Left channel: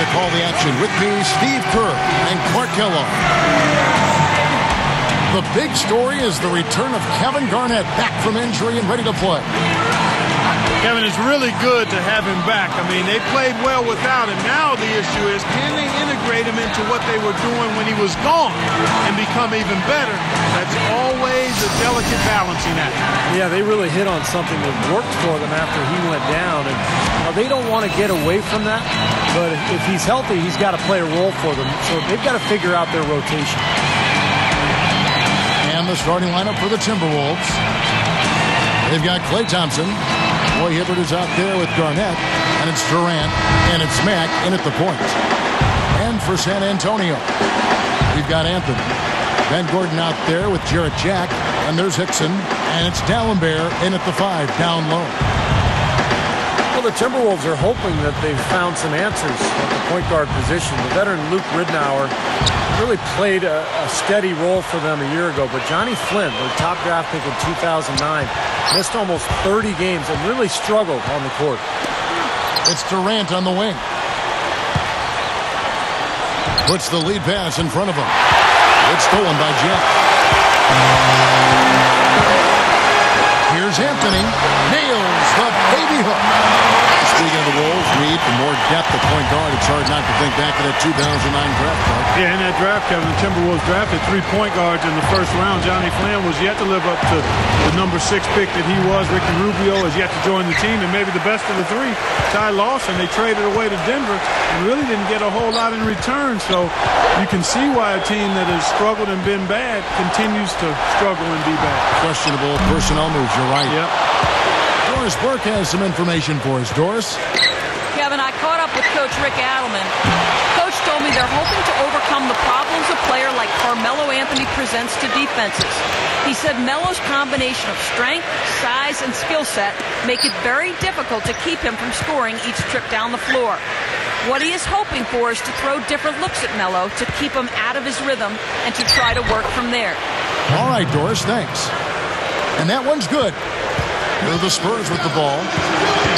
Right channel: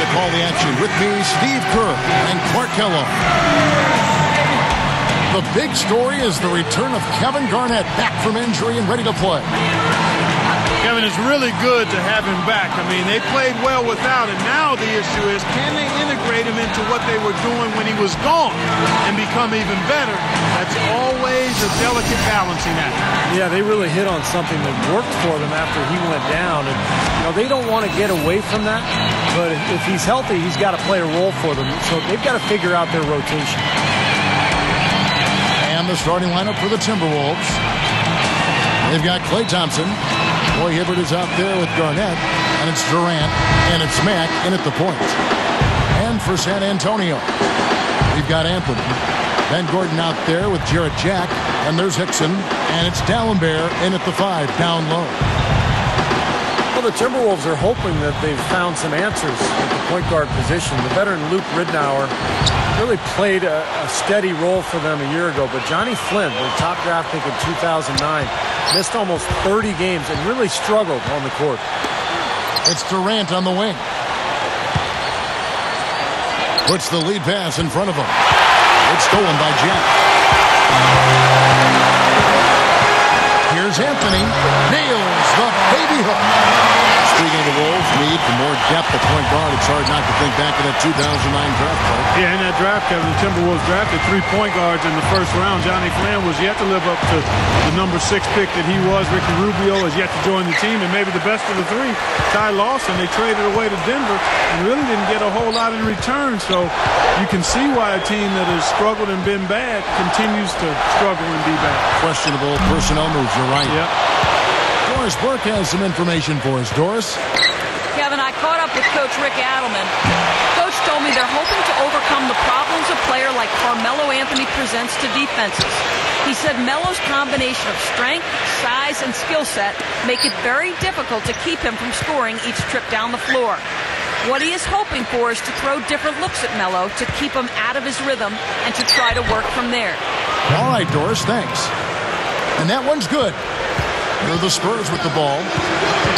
to call the action with me, Steve Kerr and Clark Kellogg. The big story is the return of Kevin Garnett back from injury and ready to play. Kevin, it's really good to have him back. I mean, they played well without him. Now the issue is, can they integrate him into what they were doing when he was gone and become even better? That's always a delicate balancing act. Yeah, they really hit on something that worked for them after he went down. And, they don't want to get away from that. But if he's healthy, he's got to play a role for them. So they've got to figure out their rotation. And the starting lineup for the Timberwolves. They've got Klay Thompson. Roy Hibbert is out there with Garnett. And it's Durant. And it's Mack in at the point. And for San Antonio, we've got Anthony. Ben Gordon out there with Jarrett Jack. And there's Hickson. And it's Dallenberg in at the 5, down low. Well, the Timberwolves are hoping that they've found some answers at the point guard position. The veteran Luke Ridnour really played a steady role for them a year ago. But Johnny Flynn, their top draft pick in 2009, missed almost 30 games and really struggled on the court. It's Durant on the wing. Puts the lead pass in front of him. It's stolen by Jack. Here's Anthony. Nails the baby hook. Speaking of the Wolves' need for more depth at point guard, it's hard not to think back to that 2009 draft, Clark. Yeah, in that draft, Kevin, the Timberwolves drafted 3 point guards in the first round. Johnny Flynn was yet to live up to the number 6 pick that he was. Ricky Rubio is yet to join the team, and maybe the best of the 3, Ty Lawson, they traded away to Denver and really didn't get a whole lot in return. So you can see why a team that has struggled and been bad continues to struggle and be bad. Questionable personnel moves, you're right. Yep. Doris Burke has some information for us. Doris? Kevin, I caught up with Coach Rick Adelman. Coach told me they're hoping to overcome the problems a player like Carmelo Anthony presents to defenses. He said Melo's combination of strength, size, and skill set make it very difficult to keep him from scoring each trip down the floor. What he is hoping for is to throw different looks at Melo to keep him out of his rhythm and to try to work from there. All right, Doris, thanks. And that one's good. Here are the Spurs with the ball.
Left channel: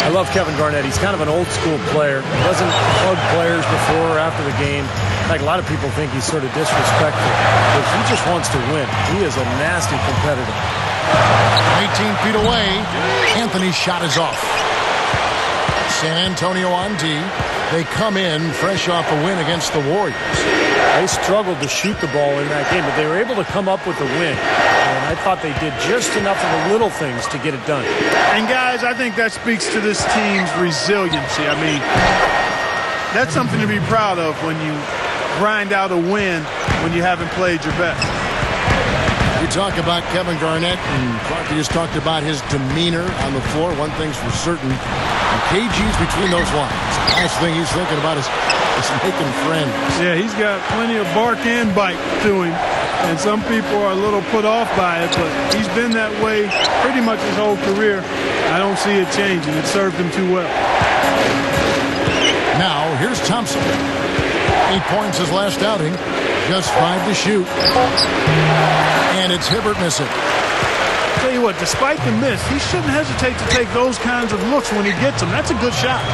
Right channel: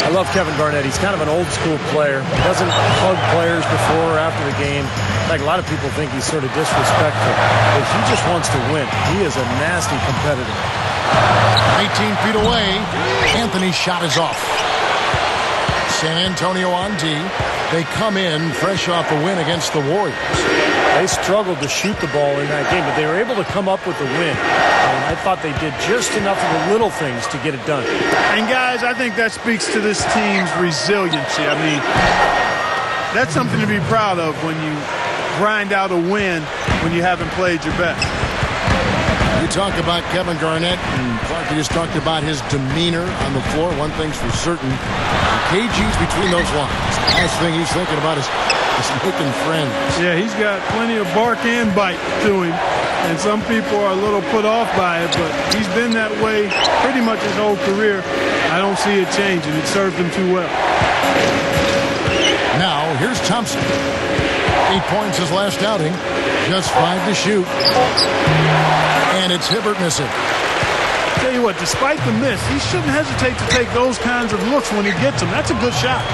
I love Kevin Garnett. He's kind of an old-school player. He doesn't hug players before or after the game. In fact, a lot of people think he's sort of disrespectful. But he just wants to win. He is a nasty competitor. From 18 feet away, Anthony's shot is off. San Antonio on D. They come in fresh off a win against the Warriors. They struggled to shoot the ball in that game, but they were able to come up with a win. And I thought they did just enough of the little things to get it done. And, guys, I think that speaks to this team's resiliency. I mean, that's something to be proud of when you grind out a win when you haven't played your best. You talk about Kevin Garnett, and Clark, you just talked about his demeanor on the floor. One thing's for certain, and KG's between those lines. The last thing he's thinking about is making friends. Yeah, he's got plenty of bark and bite to him. And some people are a little put off by it, but he's been that way pretty much his whole career. I don't see it changing. It served him too well. Now, here's Thompson. 8 points his last outing. Just 5 to shoot. And it's Hibbert missing. Tell you what, despite the miss, he shouldn't hesitate to take those kinds of looks when he gets them. That's a good shot.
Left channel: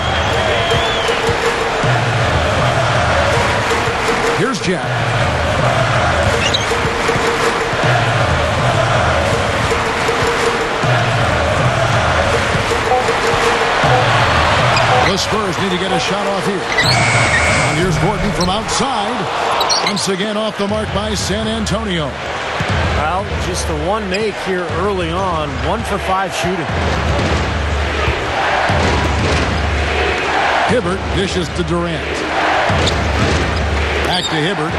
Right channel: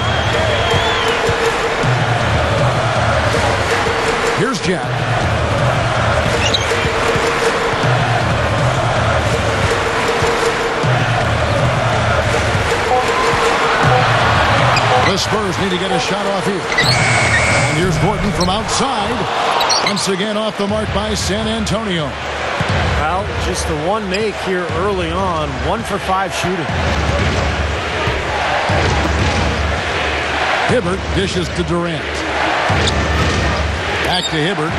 Here's Jack. The Spurs need to get a shot off here. And here's Gordon from outside. Once again off the mark by San Antonio. Well, just the one make here early on. 1 for 5 shooting. Hibbert dishes to Durant. Back to Hibbert.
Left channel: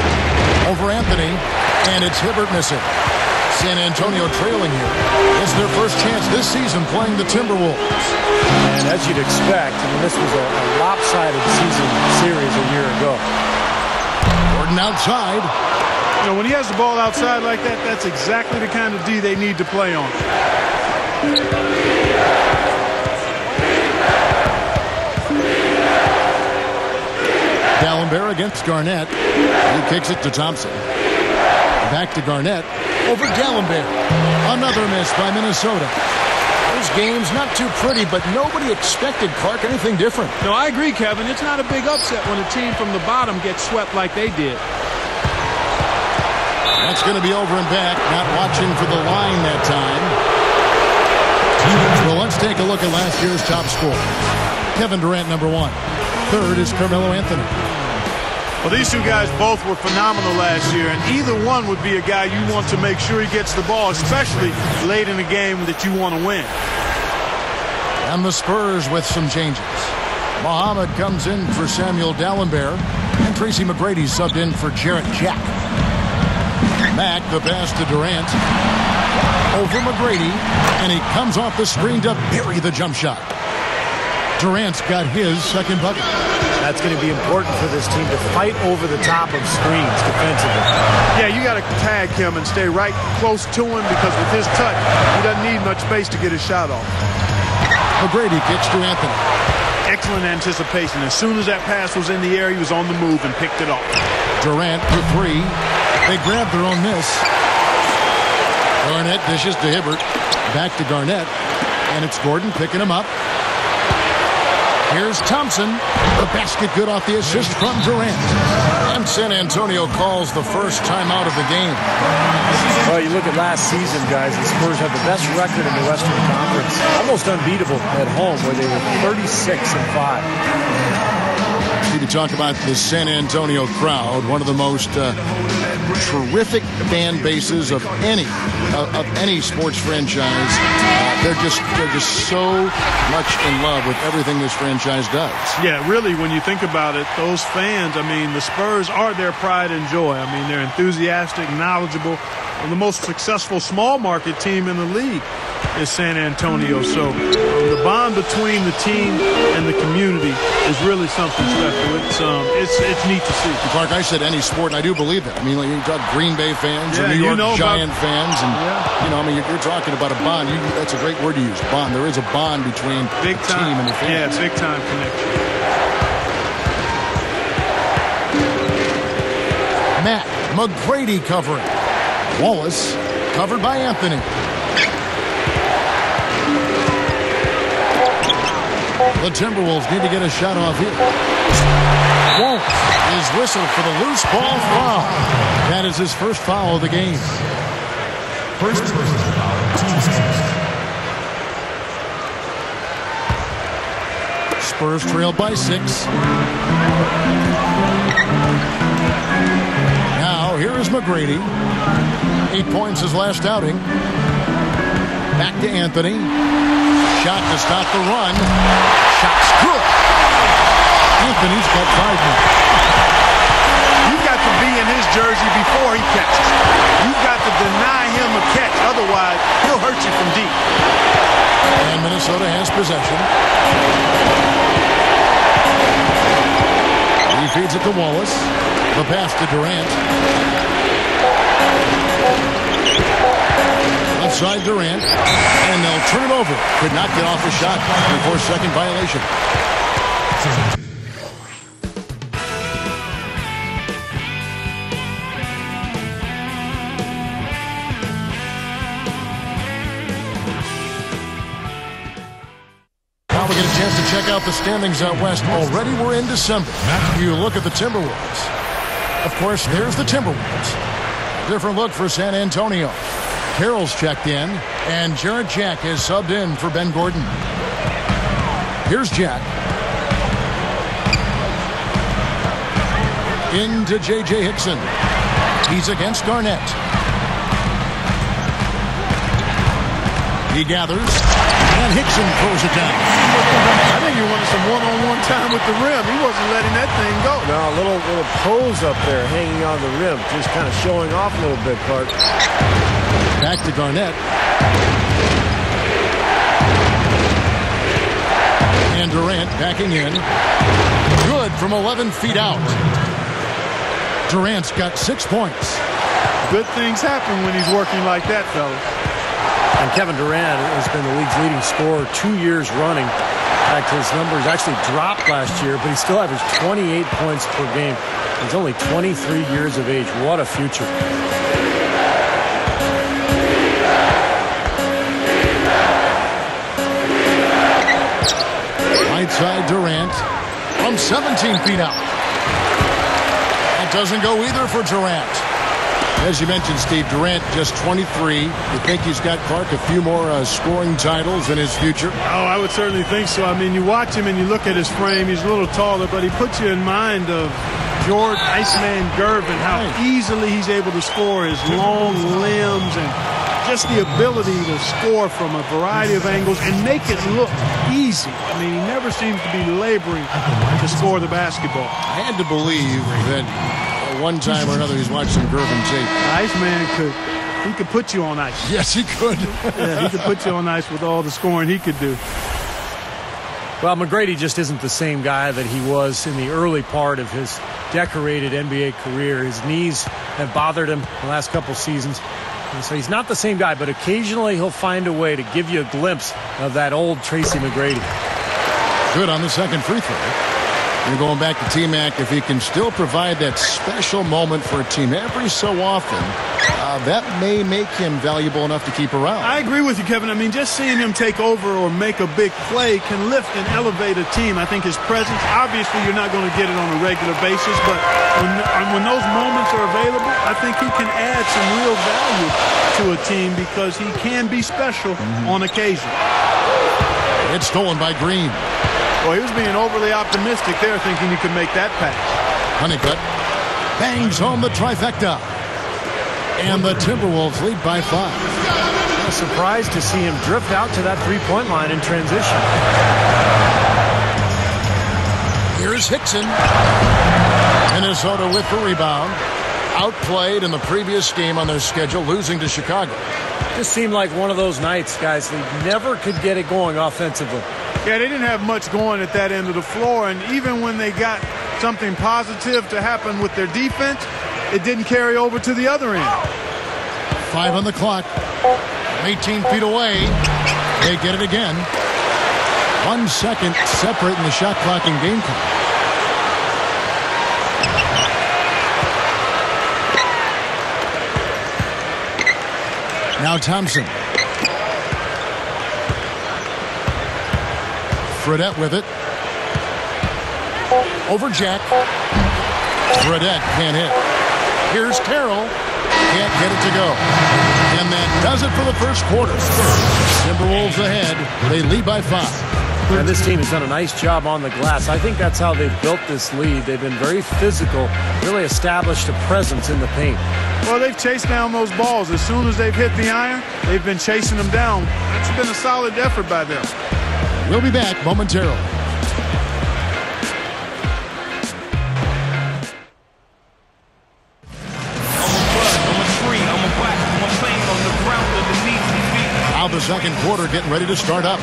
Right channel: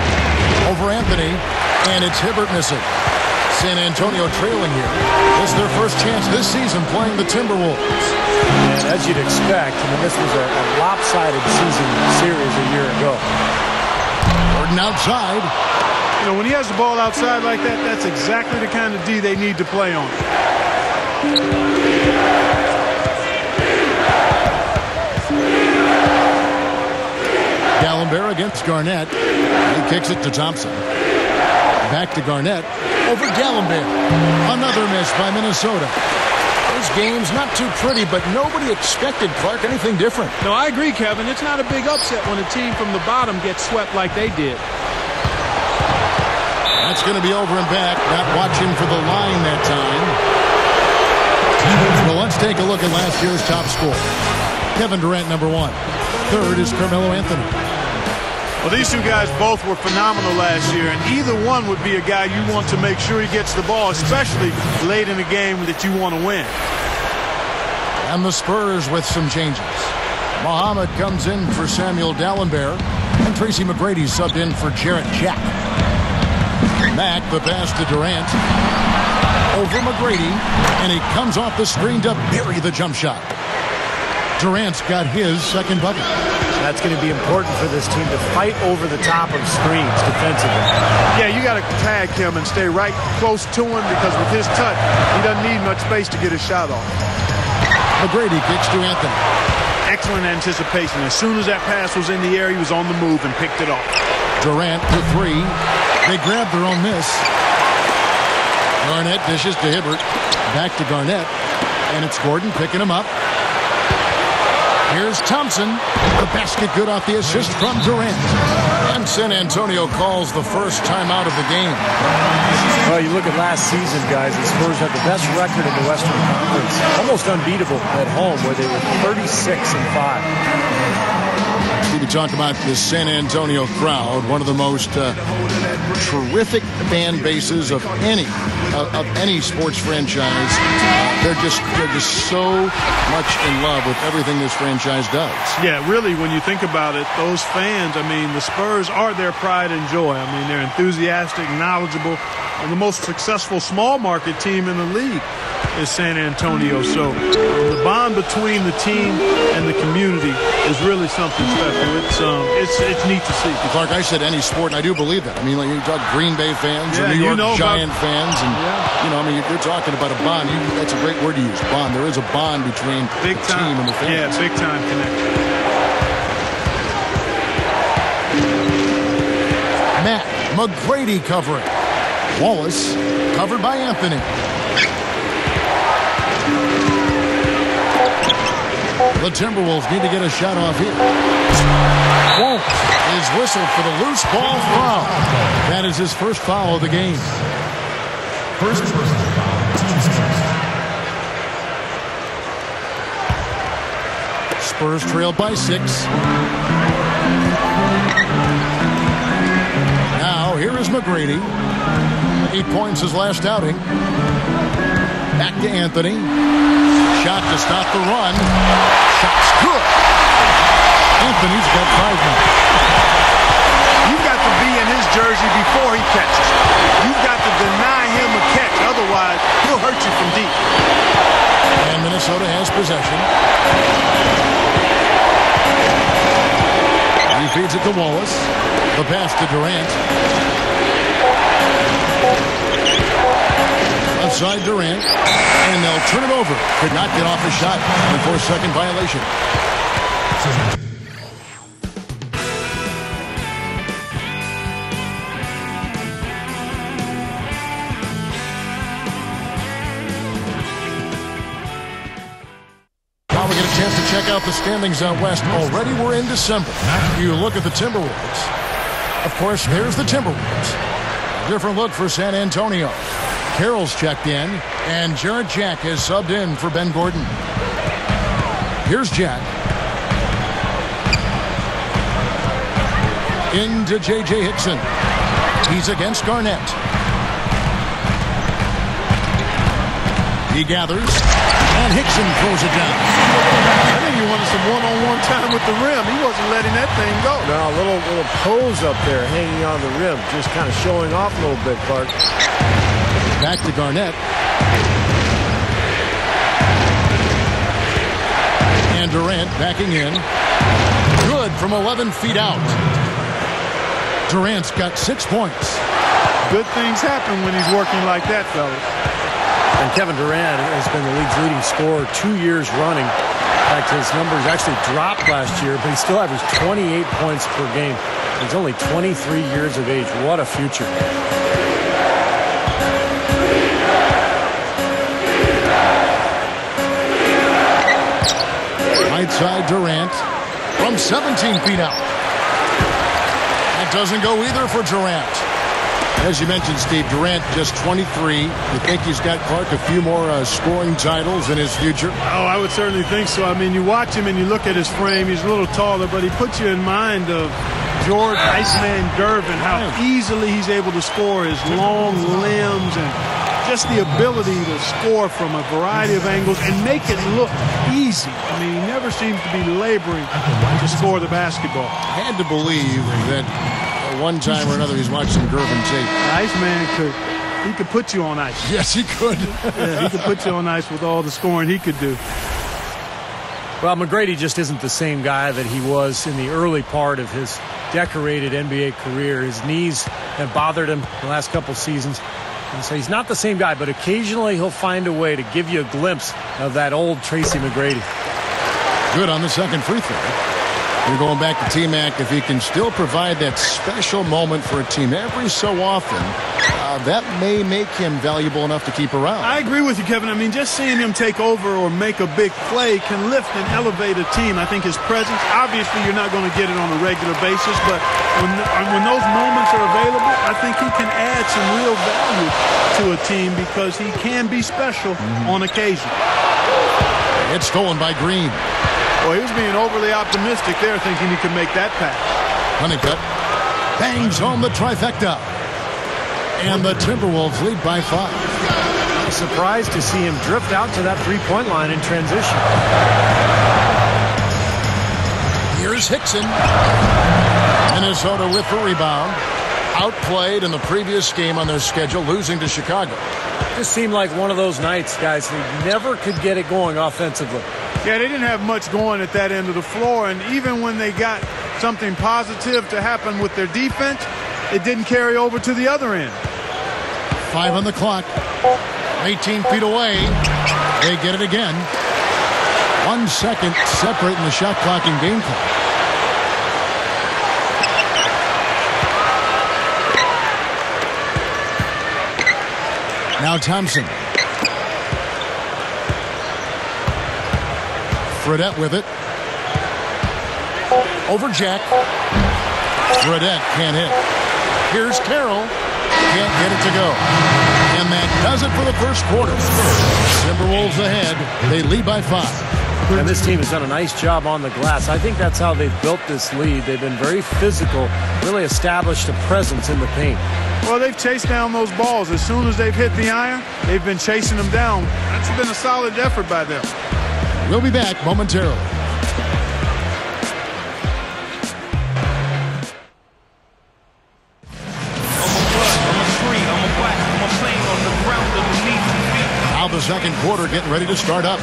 Over Anthony. And it's Hibbert missing. San Antonio trailing here. This is their first chance this season playing the Timberwolves. And as you'd expect, I mean, this was a lopsided season series a year ago. Gordon outside. You know, when he has the ball outside like that, that's exactly the kind of D they need to play on. Dallenberg against Garnett. He kicks it to Thompson. Back to Garnett. Over Dallenberg. Another miss by Minnesota. Those games, not too pretty, but nobody expected, Clark, anything different. No, I agree, Kevin. It's not a big upset when a team from the bottom gets swept like they did. That's going to be over and back. Not watching for the line that time. Well, let's take a look at last year's top scorers. Kevin Durant, number 1. Third is Carmelo Anthony. Well, these two guys both were phenomenal last year, and either one would be a guy you want to make sure he gets the ball, especially late in a game that you want to win. And the Spurs with some changes. Muhammad comes in for Samuel Dallenberg, and Tracy McGrady subbed in for Jarrett Jack. Mack, the pass to Durant. Over McGrady, and he comes off the screen to bury the jump shot. Durant's got his second bucket. That's going to be important for this team to fight over the top of screens defensively. Yeah, you got to tag him and stay right close to him because with his touch, he doesn't need much space to get his shot off. McGrady kicks to Anthony. Excellent anticipation. As soon as that pass was in the air, he was on the move and picked it off. Durant for 3. They grab their own miss. Garnett dishes to Hibbert. Back to Garnett. And it's Gordon picking him up. Here's Thompson. The basket good off the assist from Durant. And San Antonio calls the first timeout of the game. Well, you look at last season, guys, the Spurs had the best record in the Western Conference. Almost unbeatable at home, where they were 36-5. Steve, you talk about this San Antonio crowd, one of the most terrific fan bases of any sports franchise. They're just so much in love with everything this franchise does. Yeah, really, when you think about it, those fans, I mean, the Spurs are their pride and joy. I mean, they're enthusiastic, knowledgeable. The most successful small market team in the league is San Antonio. So the bond between the team and the community is really something special. It's neat to see. Clark, I said any sport, and I do believe that. I mean, like you talk Green Bay fans or New York Giant fans, and I mean, you're talking about a bond. That's a great word to use, bond. There is a bond between the team and the fans. Yeah, big time connection. Matt McGrady covering. Wallace covered by Anthony. The Timberwolves need to get a shot off here. Wallace is whistled for the loose ball foul. That is his first foul of the game. First personal foul, team Spurs trail by 6. Now here is McGrady. 8 points his last outing. Back to Anthony. Shot to stop the run. Shot's good. Anthony's got 5 now. You've got to be in his jersey before he catches it. You've got to deny him a catch. Otherwise, he'll hurt you from deep. And Minnesota has possession. He feeds it to Wallace. The pass to Durant. Left side Durant, and they'll turn it over. Could not get off his shot. 24-second violation. Now we get a chance to check out the standings out west. Already we're in December. You look at the Timberwolves. Of course, there's the Timberwolves. A different look for San Antonio. Carroll's checked in, and Jarrett Jack has subbed in for Ben Gordon. Here's Jack. Into J.J. Hickson. He's against Garnett. He gathers, and Hickson throws it down. I think he wanted some one-on-one time with the rim. He wasn't letting that thing go. No, a little pose up there hanging on the rim, just kind of showing off a little bit, Clark. Back to Garnett. And Durant backing in. Good from 11 feet out. Durant's got 6 points. Good things happen when he's working like that, fellas. And Kevin Durant has been the league's leading scorer 2 years running. In fact, his numbers actually dropped last year, but he still averaged 28 points per game. He's only 23 years of age. What a future. Right side Durant from 17 feet out. That doesn't go either for Durant. As you mentioned, Steve, Durant just 23. You think he's got, Clark, a few more scoring titles in his future? Oh, I would certainly think so. I mean, you watch him and you look at his frame. He's a little taller, but he puts you in mind of George Iceman Gervin, how easily he's able to score, his long limbs and just the ability to score from a variety of angles and make it look easy. I mean, he never seems to be laboring to score the basketball. I had to believe that at one time or another he's watched some Gervin tape. Iceman could put you on ice. Yes, he could. Yeah, he could put you on ice with all the scoring he could do. Well, McGrady just isn't the same guy that he was in the early part of his decorated NBA career. His knees have bothered him the last couple seasons. And so he's not the same guy, but occasionally he'll find a way to give you a glimpse of that old Tracy McGrady. Good on the second free throw. You're going back to T-Mac. If he can still provide that special moment for a team every so often, that may make him valuable enough to keep around. I agree with you, Kevin. I mean, just seeing him take over or make a big play can lift and elevate a team. I think his presence, obviously you're not going to get it on a regular basis, but when those moments are available, I think he can add some real value to a team because he can be special on occasion. It's stolen by Green. Well, he was being overly optimistic there, thinking he could make that pass. Honeycutt bangs home the trifecta. And the Timberwolves lead by 5. I was surprised to see him drift out to that three-point line in transition. Here's Hickson. Minnesota with the rebound. Outplayed in the previous game on their schedule, losing to Chicago. Just seemed like one of those nights, guys. They never could get it going offensively. Yeah, they didn't have much going at that end of the floor, and even when they got something positive to happen with their defense, it didn't carry over to the other end. 5 on the clock. 18 feet away. They get it again. 1 second separating the shot clock and game clock. Now Thompson. Fredette with it. Over Jack. Fredette can't hit. Here's Carroll. Can't get it to go. And that does it for the first quarter. Timberwolves ahead. They lead by 5. And this team has done a nice job on the glass. I think that's how they've built this lead. They've been very physical, really established a presence in the paint. Well, they've chased down those balls. As soon as they've hit the iron, they've been chasing them down. That's been a solid effort by them. We'll be back momentarily. Now the second quarter getting ready to start up.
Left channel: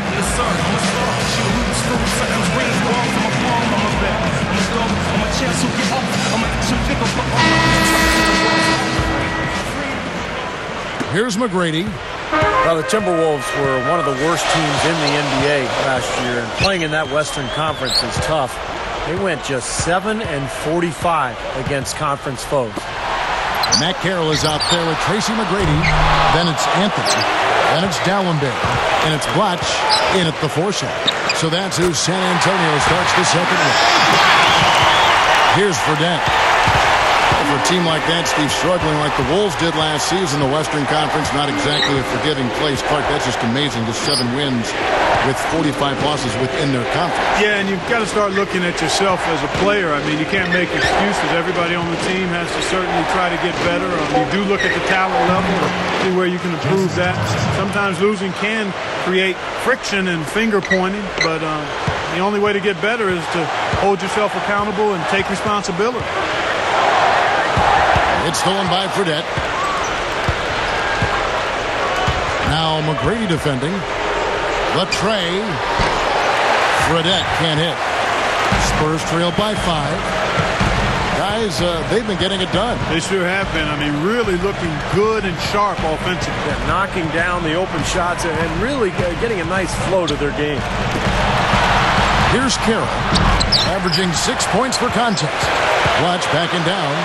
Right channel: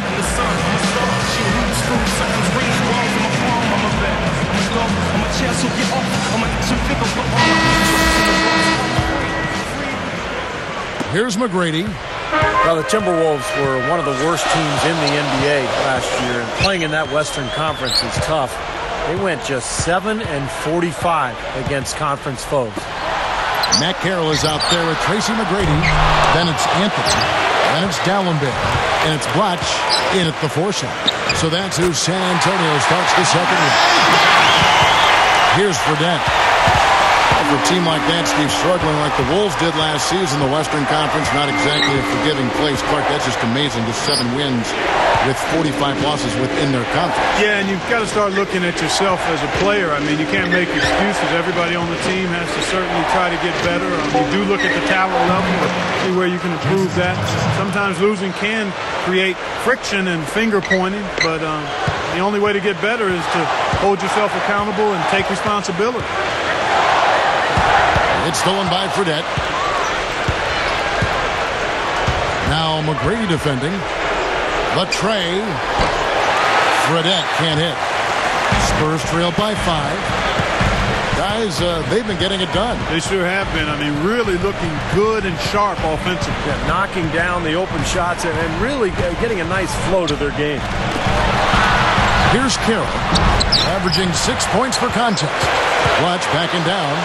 Here's McGrady. Well, the Timberwolves were one of the worst teams in the NBA last year, and playing in that Western Conference is tough. They went just 7-45 against conference foes. Matt Carroll is out there with Tracy McGrady. Then it's Anthony. Then it's Dallenberg. And it's Blatch in at the 4 slot. So that's who San Antonio starts the second round. Here's Fredette. Well, for a team like that, Steve, struggling like the Wolves did last season, the Western Conference, not exactly a forgiving place. Clark, that's just amazing. Just 7 wins with 45 losses within their conference. Yeah, and you've got to start looking at yourself as a player. I mean, you can't make excuses. Everybody on the team has to certainly try to get better. You do look at the talent level and see where you can improve that. Sometimes losing can create friction and finger pointing, but the only way to get better is to hold yourself accountable and take responsibility. It's stolen by Fredette. Now McGrady defending. Latre. Fredette can't hit. Spurs trail by 5. Guys, they've been getting it done. They sure have been. I mean, really looking good and sharp offensively. Yeah, knocking down the open shots and really getting a nice flow to their game. Here's Carroll, averaging 6 points per contest. Blatch backing down.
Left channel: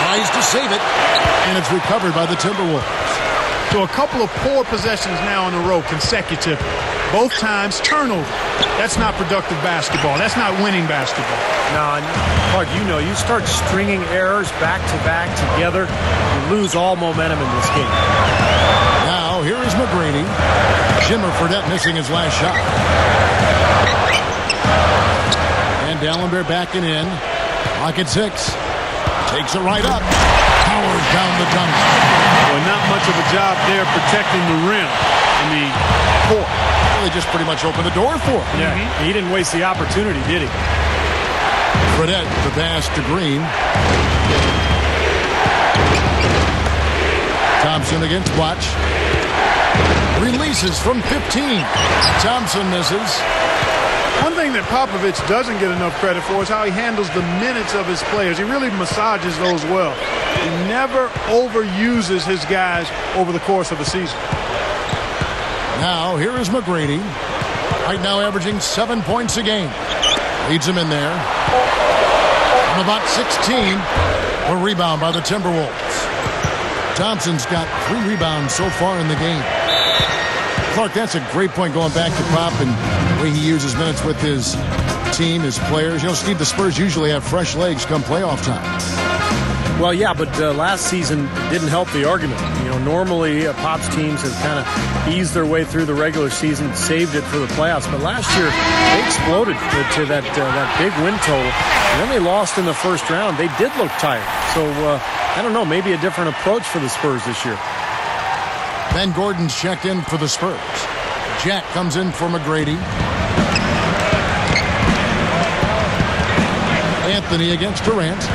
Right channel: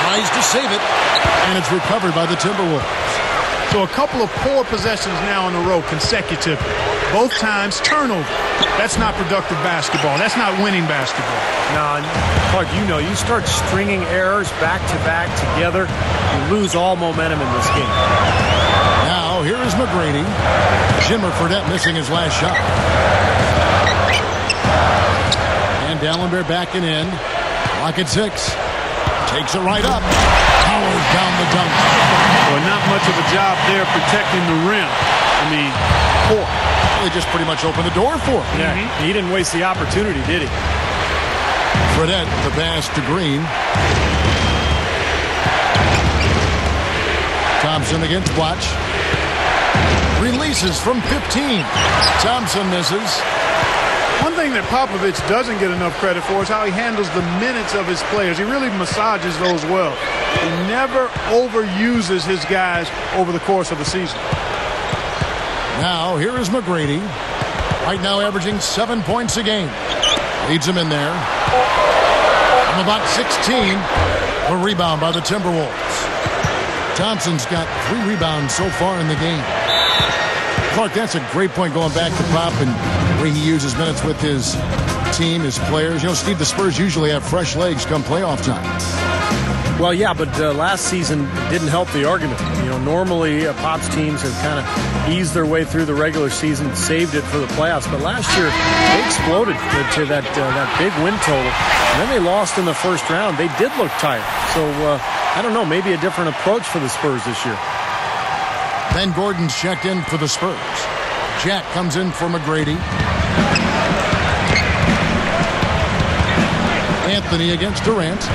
Tries to save it, and it's recovered by the Timberwolves. So a couple of poor possessions now in a row consecutively. Both times turnover. That's not productive basketball. That's not winning basketball. No, Clark, you start stringing errors back-to-back together, you lose all momentum in this game. Now, here is McGrady. Jimmer Fredette missing his last shot. And Dallenberg backing in. Clock at 6. Takes it right up. Powers down the dunk. Well, not much of a job there protecting the rim. I mean, poor. Well, they just pretty much opened the door for him. Yeah, he didn't waste the opportunity, did he? Fredette, the pass to Green. Thompson against Watch. Releases from 15. Thompson misses. One thing that Popovich doesn't get enough credit for is how he handles the minutes of his players. He really massages those well. He never overuses his guys over the course of a season. Now, here is McGrady. Right now averaging 7 points a game. Leads him in there. From about 16. A rebound by the Timberwolves. Thompson's got 3 rebounds so far in the game. Clark, that's a great point going back to Pop and the way he uses minutes with his team, his players. You know, Steve, the Spurs usually have fresh legs come playoff time. Well, yeah, but last season didn't help the argument. You know, normally Pop's teams have kind of eased their way through the regular season, saved it for the playoffs. But last year, they exploded to that big win total, and then they lost in the first round. They did look tired. So, I don't know, maybe a different approach for the Spurs this year. Ben Gordon's checked in for the Spurs. Jack comes in for McGrady. Anthony against Durant.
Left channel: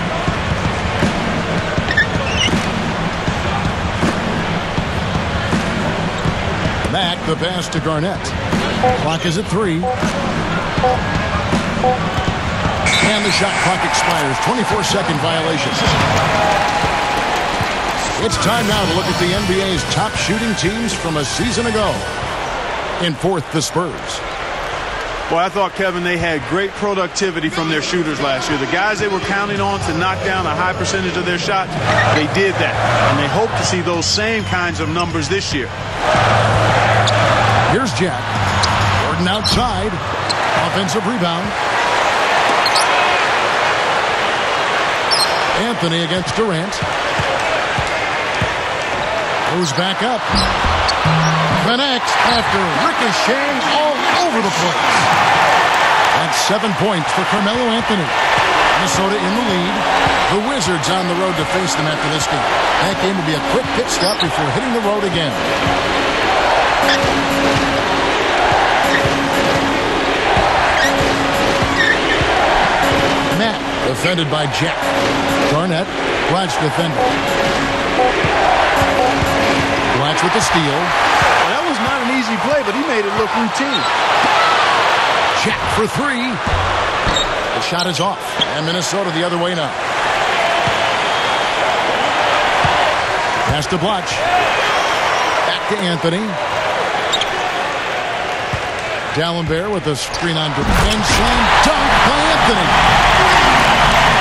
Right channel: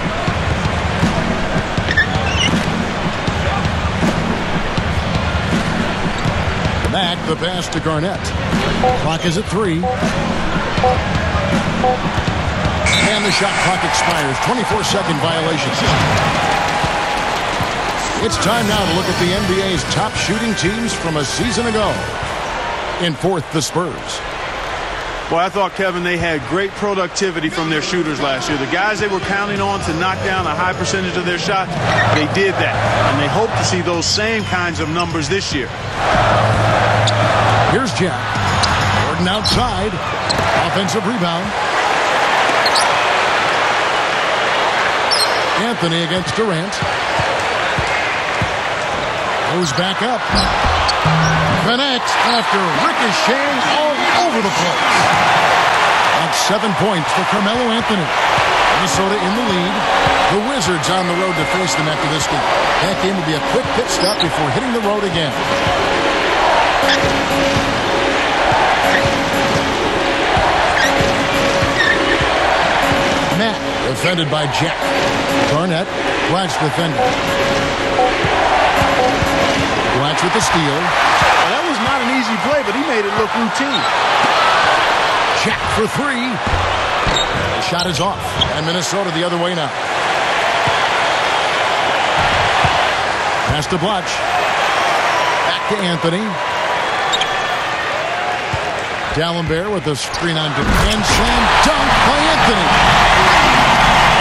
Mack, the pass to Garnett. Clock is at 3. And the shot clock expires. 24-second violation. It's time now to look at the NBA's top shooting teams from a season ago. In fourth, the Spurs. Well, I thought, Kevin, they had great productivity from their shooters last year. The guys they were counting on to knock down a high percentage of their shots, they did that. And they hope to see those same kinds of numbers this year. Here's Jack. Gordon outside. Offensive rebound. Anthony against Durant. Goes back up. Connects after ricocheting all over the place. That's 7 points for Carmelo Anthony. Minnesota in the lead. The Wizards on the road to face them after this game. That game will be a quick pit stop before hitting the road again. Matt defended by Jack. Garnett, Blatch defending. Blatch with the steal. Well, that was not an easy play, but he made it look routine. Jack for 3. The shot is off, and Minnesota the other way now. Pass to Blatch. Back to Anthony. Dallenberg with a screen on Durant. And slam dunk by Anthony.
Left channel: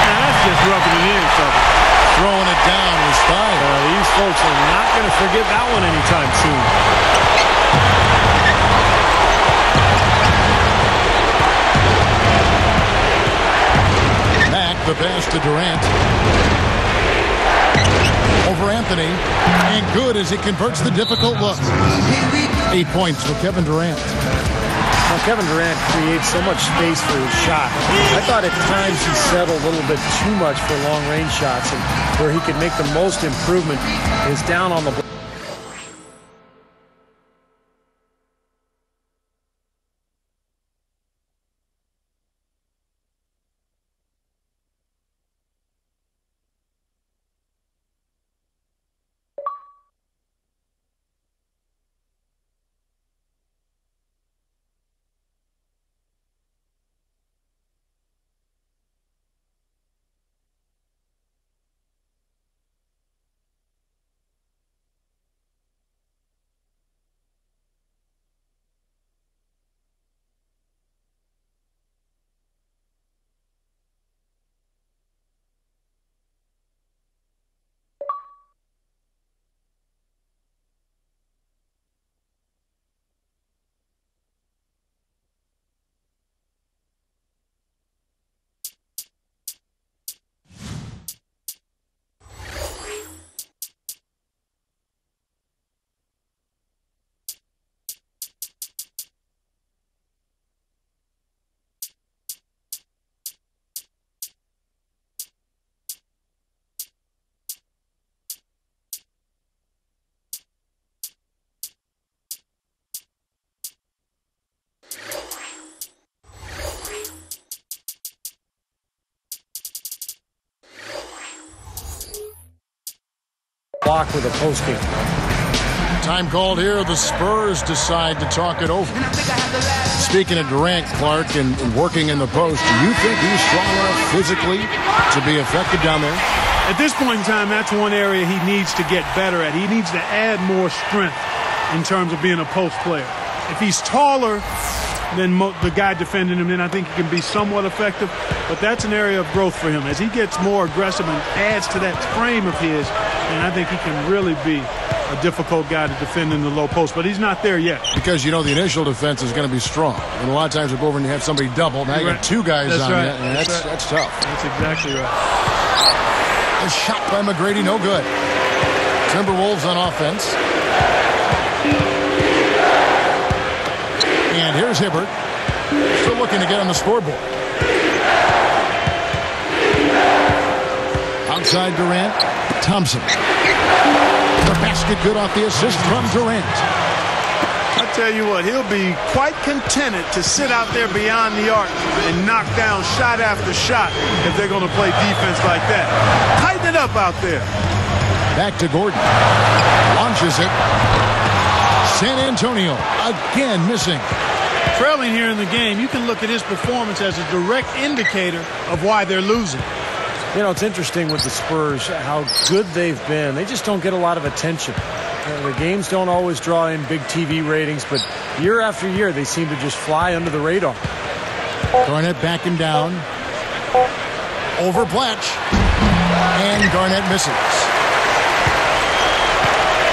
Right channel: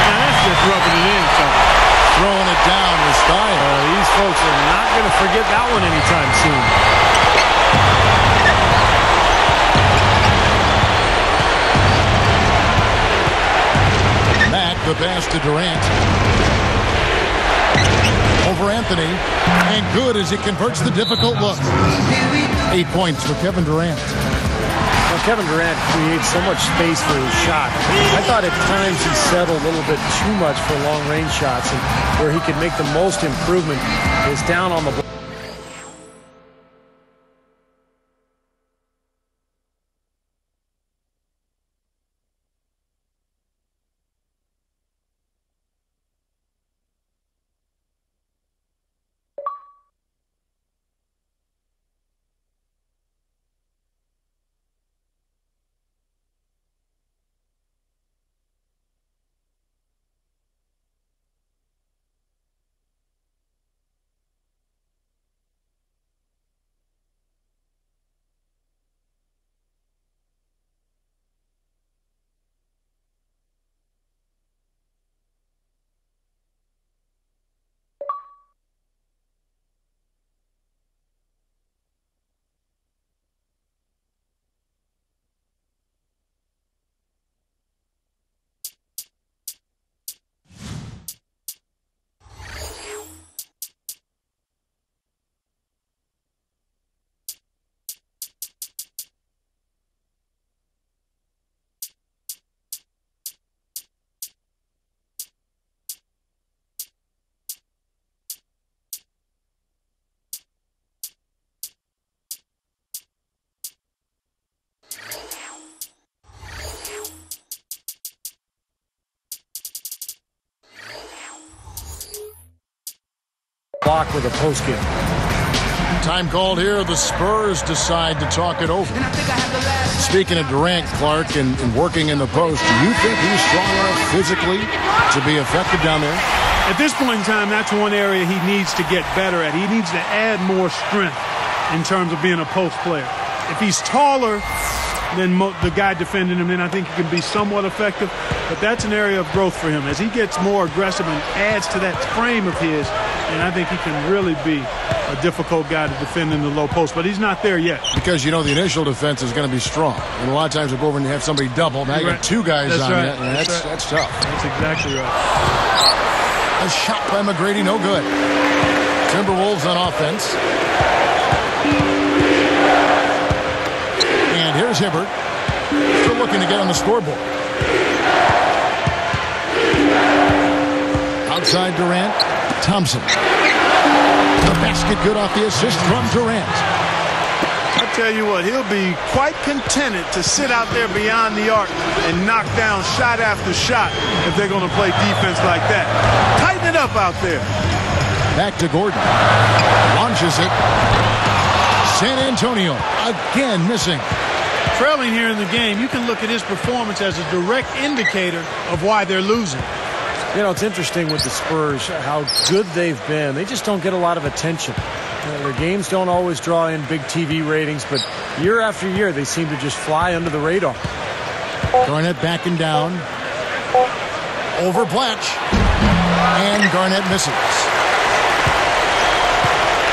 Now that's just rubbing it in, fellas. Throwing it down with style. These folks are not going to forget that one anytime soon. Mack, the pass to Durant. Over Anthony. And good as he converts the difficult look. 8 points for Kevin Durant. Well, Kevin Durant creates so much space for his shot. I thought at times he settled a little bit too much for long-range shots, and where he could make the most improvement is down on the block. block with a post game. Time called here. The Spurs decide to talk it over. Speaking of Durant, Clark, and working in the post, do you think he's strong enough physically to be effective down there? At this point in time, that's one area he needs to get better at. He needs to add more strength in terms of being a post player. If he's taller than the guy defending him, then I think he can be somewhat effective. But that's an area of growth for him. As he gets more aggressive and adds to that frame of his, then I think he can really be a difficult guy to defend in the low post. But he's not there yet. Because, you know, the initial defense is going to be strong. And a lot of times we'll go over and have somebody double. Now you got two guys on right. you. That's tough. That's exactly right. A shot by McGrady, no good. Timberwolves on offense. And here's Hibbert. Still looking to get on the scoreboard. Outside Durant. Thompson. The basket good off the assist from Durant. I tell you what, he'll be quite contented to sit out there beyond the arc and knock down shot after shot if they're going to play defense like that. Tighten it up out there. Back to Gordon. Launches it. San Antonio again missing. Trailing here in the game, you can look at his performance as a direct indicator of why they're losing. You know, it's interesting with the Spurs how good they've been. They just don't get a lot of attention. Their games don't always draw in big TV ratings, but year after year they seem to just fly under the radar. Garnett backing down. Over Blatch. And Garnett misses.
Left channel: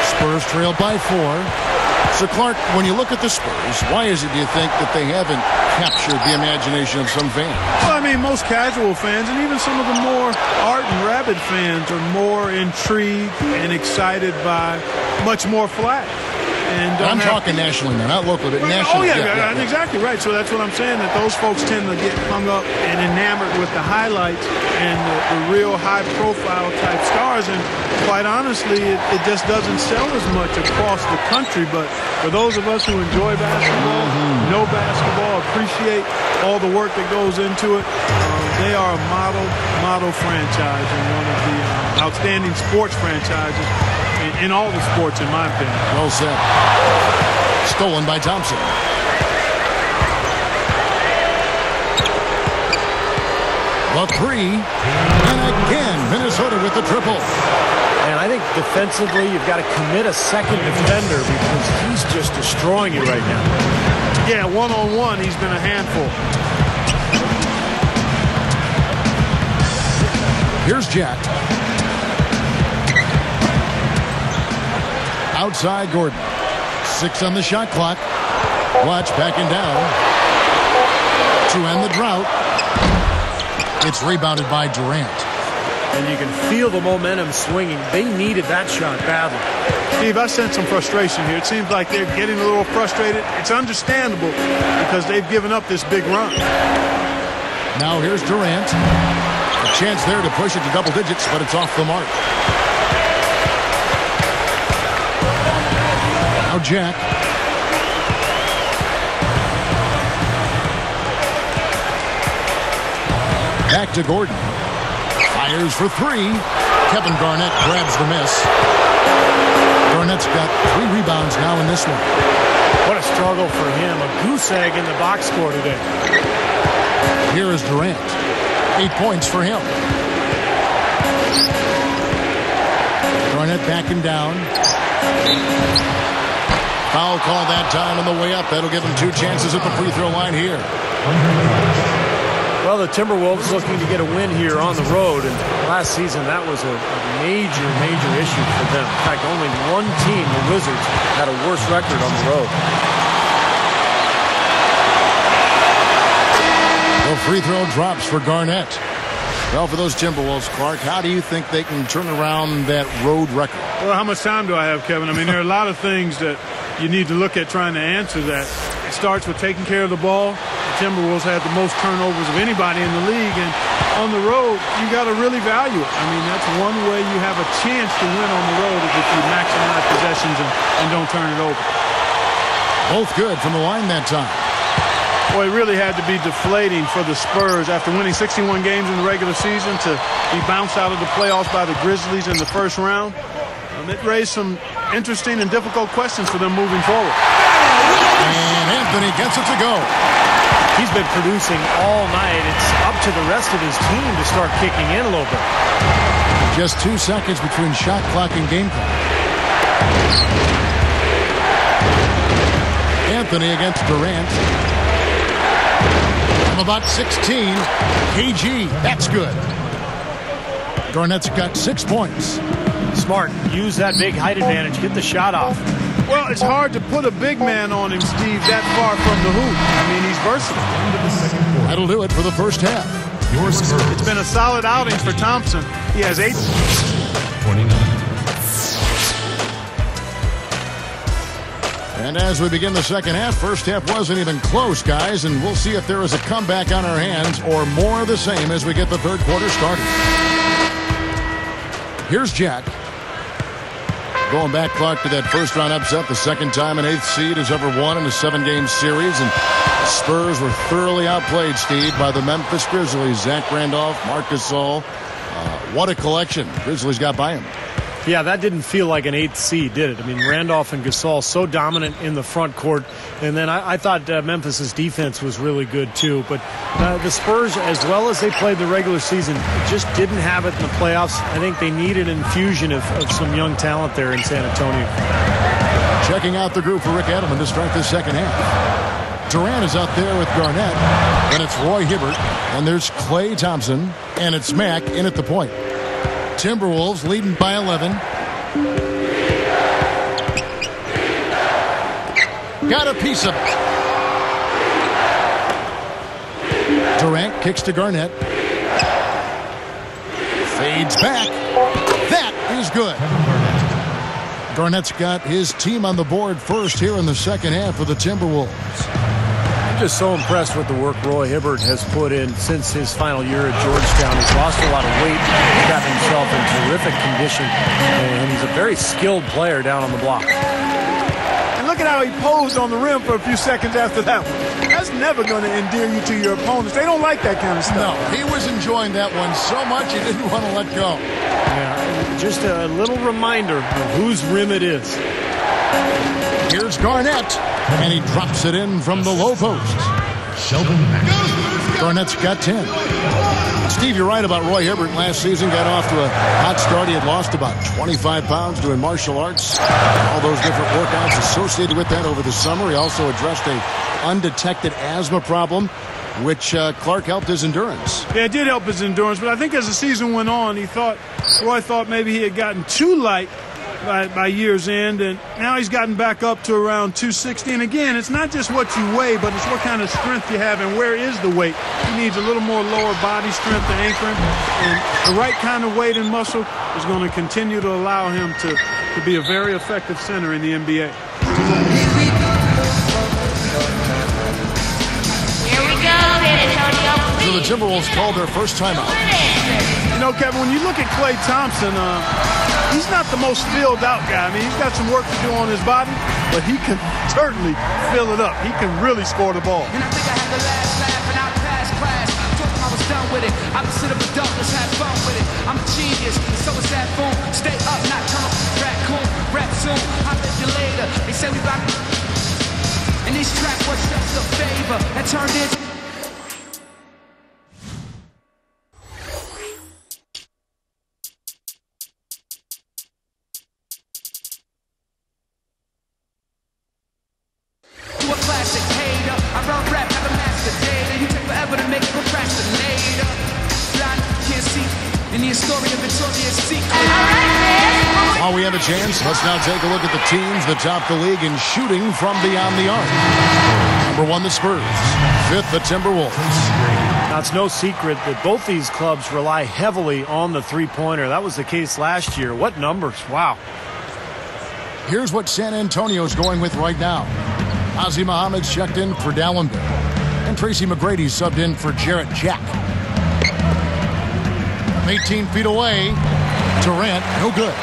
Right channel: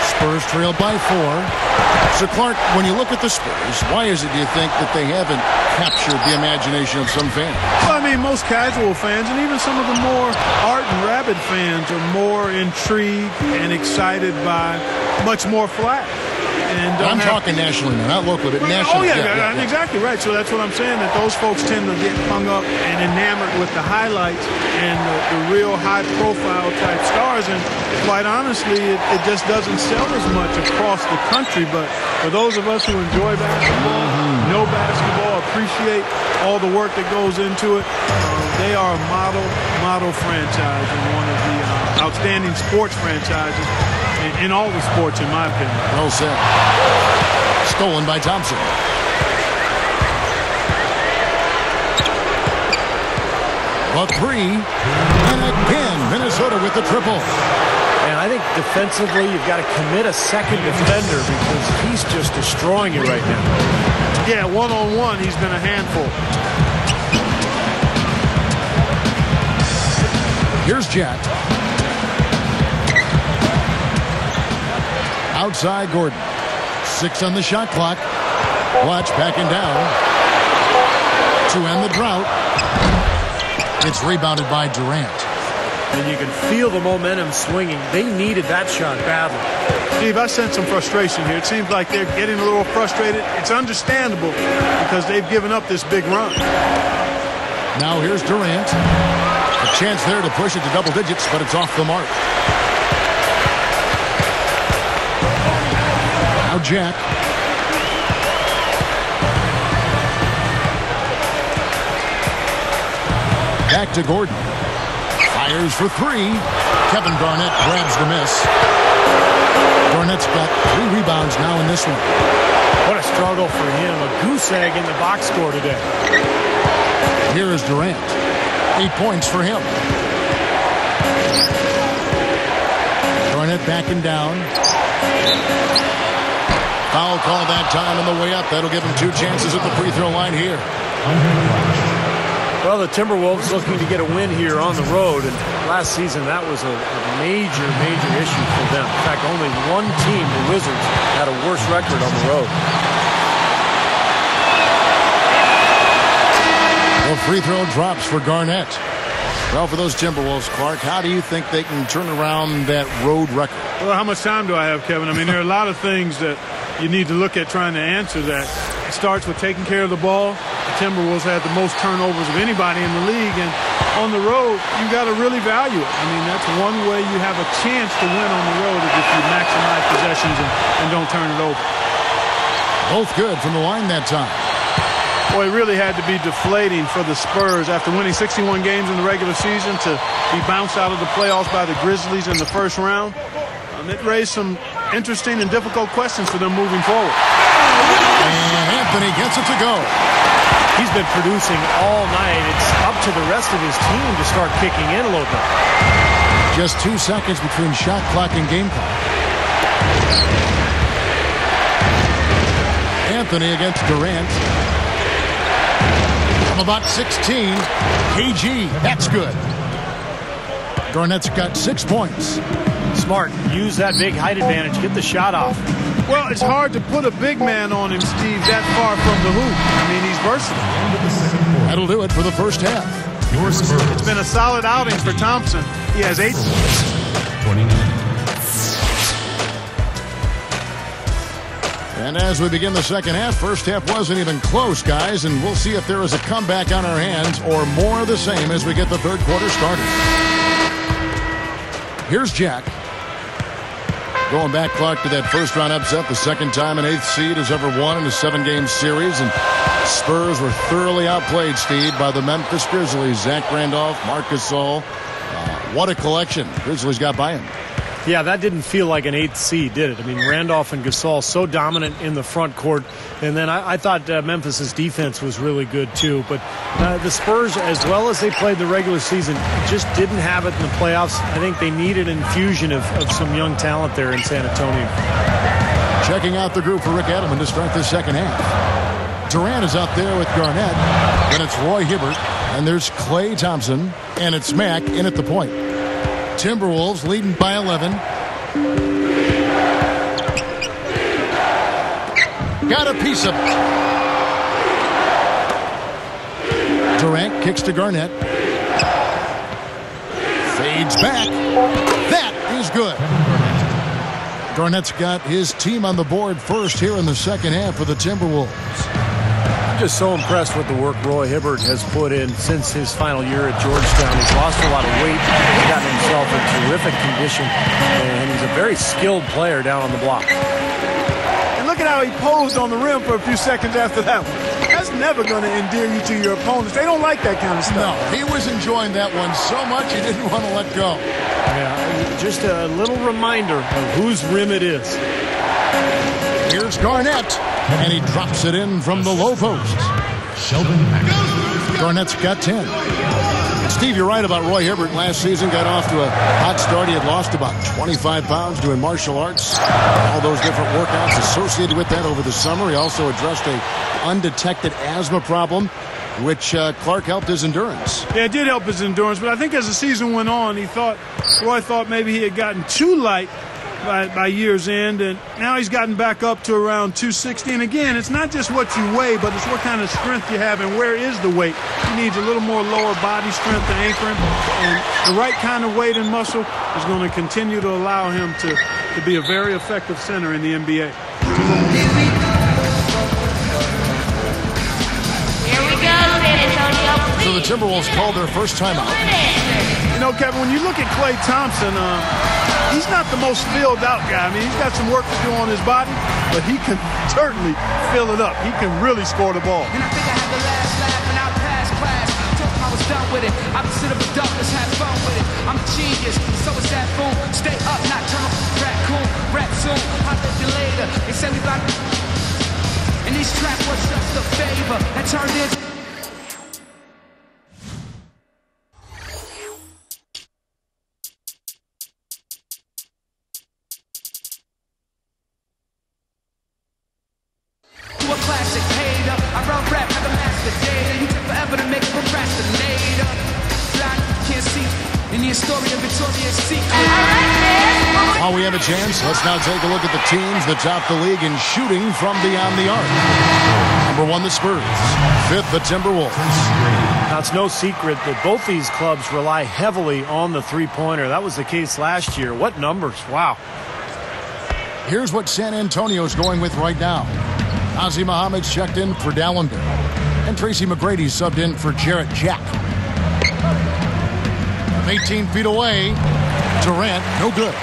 Spurs trail by 4. So, Clark, when you look at the Spurs, why is it, do you think, that they haven't captured the imagination of some fans? Well, I mean, most casual fans and even some of the more ardent, rabid fans are more intrigued and excited by much more flash. And I'm talking nationally now, not locally, but nationally. Oh, yeah, exactly right. So that's what I'm saying, that those folks tend to get hung up and enamored with the highlights and the real high-profile type stars. And quite honestly, it just doesn't sell as much across the country. But for those of us who enjoy basketball, know basketball, appreciate all the work that goes into it, they are a model franchise and one of the outstanding sports franchises in all the sports, in my opinion. Well said. Stolen by Thompson. The 3. And again, Minnesota with the triple. And I think defensively, you've got to commit a second defender because he's just destroying you right now. Yeah, one-on-one, he's been a handful. Here's Jack. Outside Gordon. 6 on the shot clock. Watch backing down. To end the drought. It's rebounded by Durant. And you can feel the momentum swinging. They needed that shot badly. Steve, I sense some frustration here. It seems like they're getting a little frustrated. It's understandable because they've given up this big run. Now here's Durant. A chance there to push it to double digits, but it's off the mark. Now Jack. Back to Gordon. Fires for 3. Kevin Garnett grabs the miss. Garnett's got 3 rebounds now in this one. What a struggle for him. A goose egg in the box score today. Here is Durant. 8 points for him. Garnett backing down. Foul call that time on the way up. That'll give him 2 chances at the free throw line here. Well, the Timberwolves looking to get a win here on the road, and last season that was a major issue for them. In fact, only one team, the Wizards, had a worse record on the road. The free throw drops for Garnett. Well, for those Timberwolves, Clark, how do you think they can turn around that road record? Well, how much time do I have, Kevin? I mean, there are a lot of things that you need to look at trying to answer that. It starts with taking care of the ball. The Timberwolves had the most turnovers of anybody in the league, and on the road, you got to really value it. I mean, that's one way you have a chance to win on the road is if you maximize possessions and don't turn it over. Both good from the line that time. Boy, it really had to be deflating for the Spurs after winning 61 games in the regular season to be bounced out of the playoffs by the Grizzlies in the first round. It raised some interesting and difficult questions for them moving forward. And Anthony gets it to go. He's been producing all night. It's up to the rest of his team to start kicking in a little bit. Just 2 seconds between shot clock and game clock. Anthony against Durant. From about 16, KG, that's good. Garnett's got 6 points. Smart. Use that big height advantage. Get the shot off. Well, it's hard to put a big man on him, Steve, that far from the hoop. I mean, he's versatile. That'll do it for the first half. It's been a solid outing for Thompson. He has 8 29. And as we begin the second half, first half wasn't even close, guys, and we'll see if there is a comeback on our hands or more of the same as we get the third quarter started. Here's Jack. Going back, Clark, to that first-round upset, the second time an 8th seed has ever won in a 7-game series, and Spurs were thoroughly outplayed, Steve, by the Memphis Grizzlies. Zach Randolph, Marc Gasol. What a collection Grizzlies got by him. Yeah, that didn't feel like an 8th seed, did it? I mean, Randolph and Gasol so dominant in the front court. And then I thought Memphis's defense was really good, too. But the Spurs, as well as they played the regular season, just didn't have it in the playoffs. I think they needed an infusion of some young talent there in San Antonio. Checking out the group for Rick Edelman to start this second half. Durant is out there with Garnett. Then it's Roy Hibbert. And there's Klay Thompson. And it's Mack in at the point. Timberwolves leading by 11. Got a piece of it. Durant kicks to Garnett. Fades back. That is good. Garnett's got his team on the board first here in the second half for the Timberwolves. I'm just so impressed with the work Roy Hibbert has put in since his final year at Georgetown. He's lost a lot of weight. He's gotten himself in terrific condition. And he's a very skilled player down on the block. And look at how he posed on the rim for a few seconds after that one. That's never going to endear you to your opponents. They don't like that kind of stuff. No, he was enjoying that one so much he didn't want to let go. Yeah, just a little reminder of whose rim it is. Here's Garnett, and he drops it in from the low post. Sheldon Mack. Garnett's got 10. Steve, you're right about Roy Hibbert. Last season got off to a hot start. He had lost about 25 pounds doing martial arts. All those different workouts associated with that over the summer. He also addressed a undetected asthma problem, which Clark helped his endurance. Yeah, it did help his endurance, but I think as the season went on, Roy thought maybe he had gotten too light by year's end, and now he's gotten back up to around 260. And again, it's not just what you weigh, but it's what kind of strength you have and where is the weight. He needs a little more lower body strength to anchor him, and the right kind of weight and muscle is going to continue to allow him to be a very effective center in the NBA. So the Timberwolves called their first timeout. You know, Kevin, when you look at Klay Thompson, he's not the most filled out guy. I mean, he's got some work to do on his body, but he can certainly fill it up. He can really score the ball. And I think I had the last laugh and I passed class. Told him I was done with it. I was sit up adult, let's have fun with it. I'm a genius, so is that fool. Stay up, not turn raccoon, rap soon. I'll let you later. They say we about and this track was just a favor that turned into classic hater. I run rap like a master data. You take forever to make a procrastinator. Blind, can't see in the story of Victoria's Secret. While we have a chance, let's now take a look at the teams that top the league in shooting from beyond the arc. Number 1, the Spurs. 5th, the Timberwolves. Now, it's no secret that both these clubs rely heavily on the three-pointer. That was the case last year. What numbers? Wow. Here's what San Antonio's going with right now. Ozzie Muhammad's checked in for Dallenberg. And Tracy McGrady's subbed in for Jarrett Jack. From 18 feet away, Durant, no good.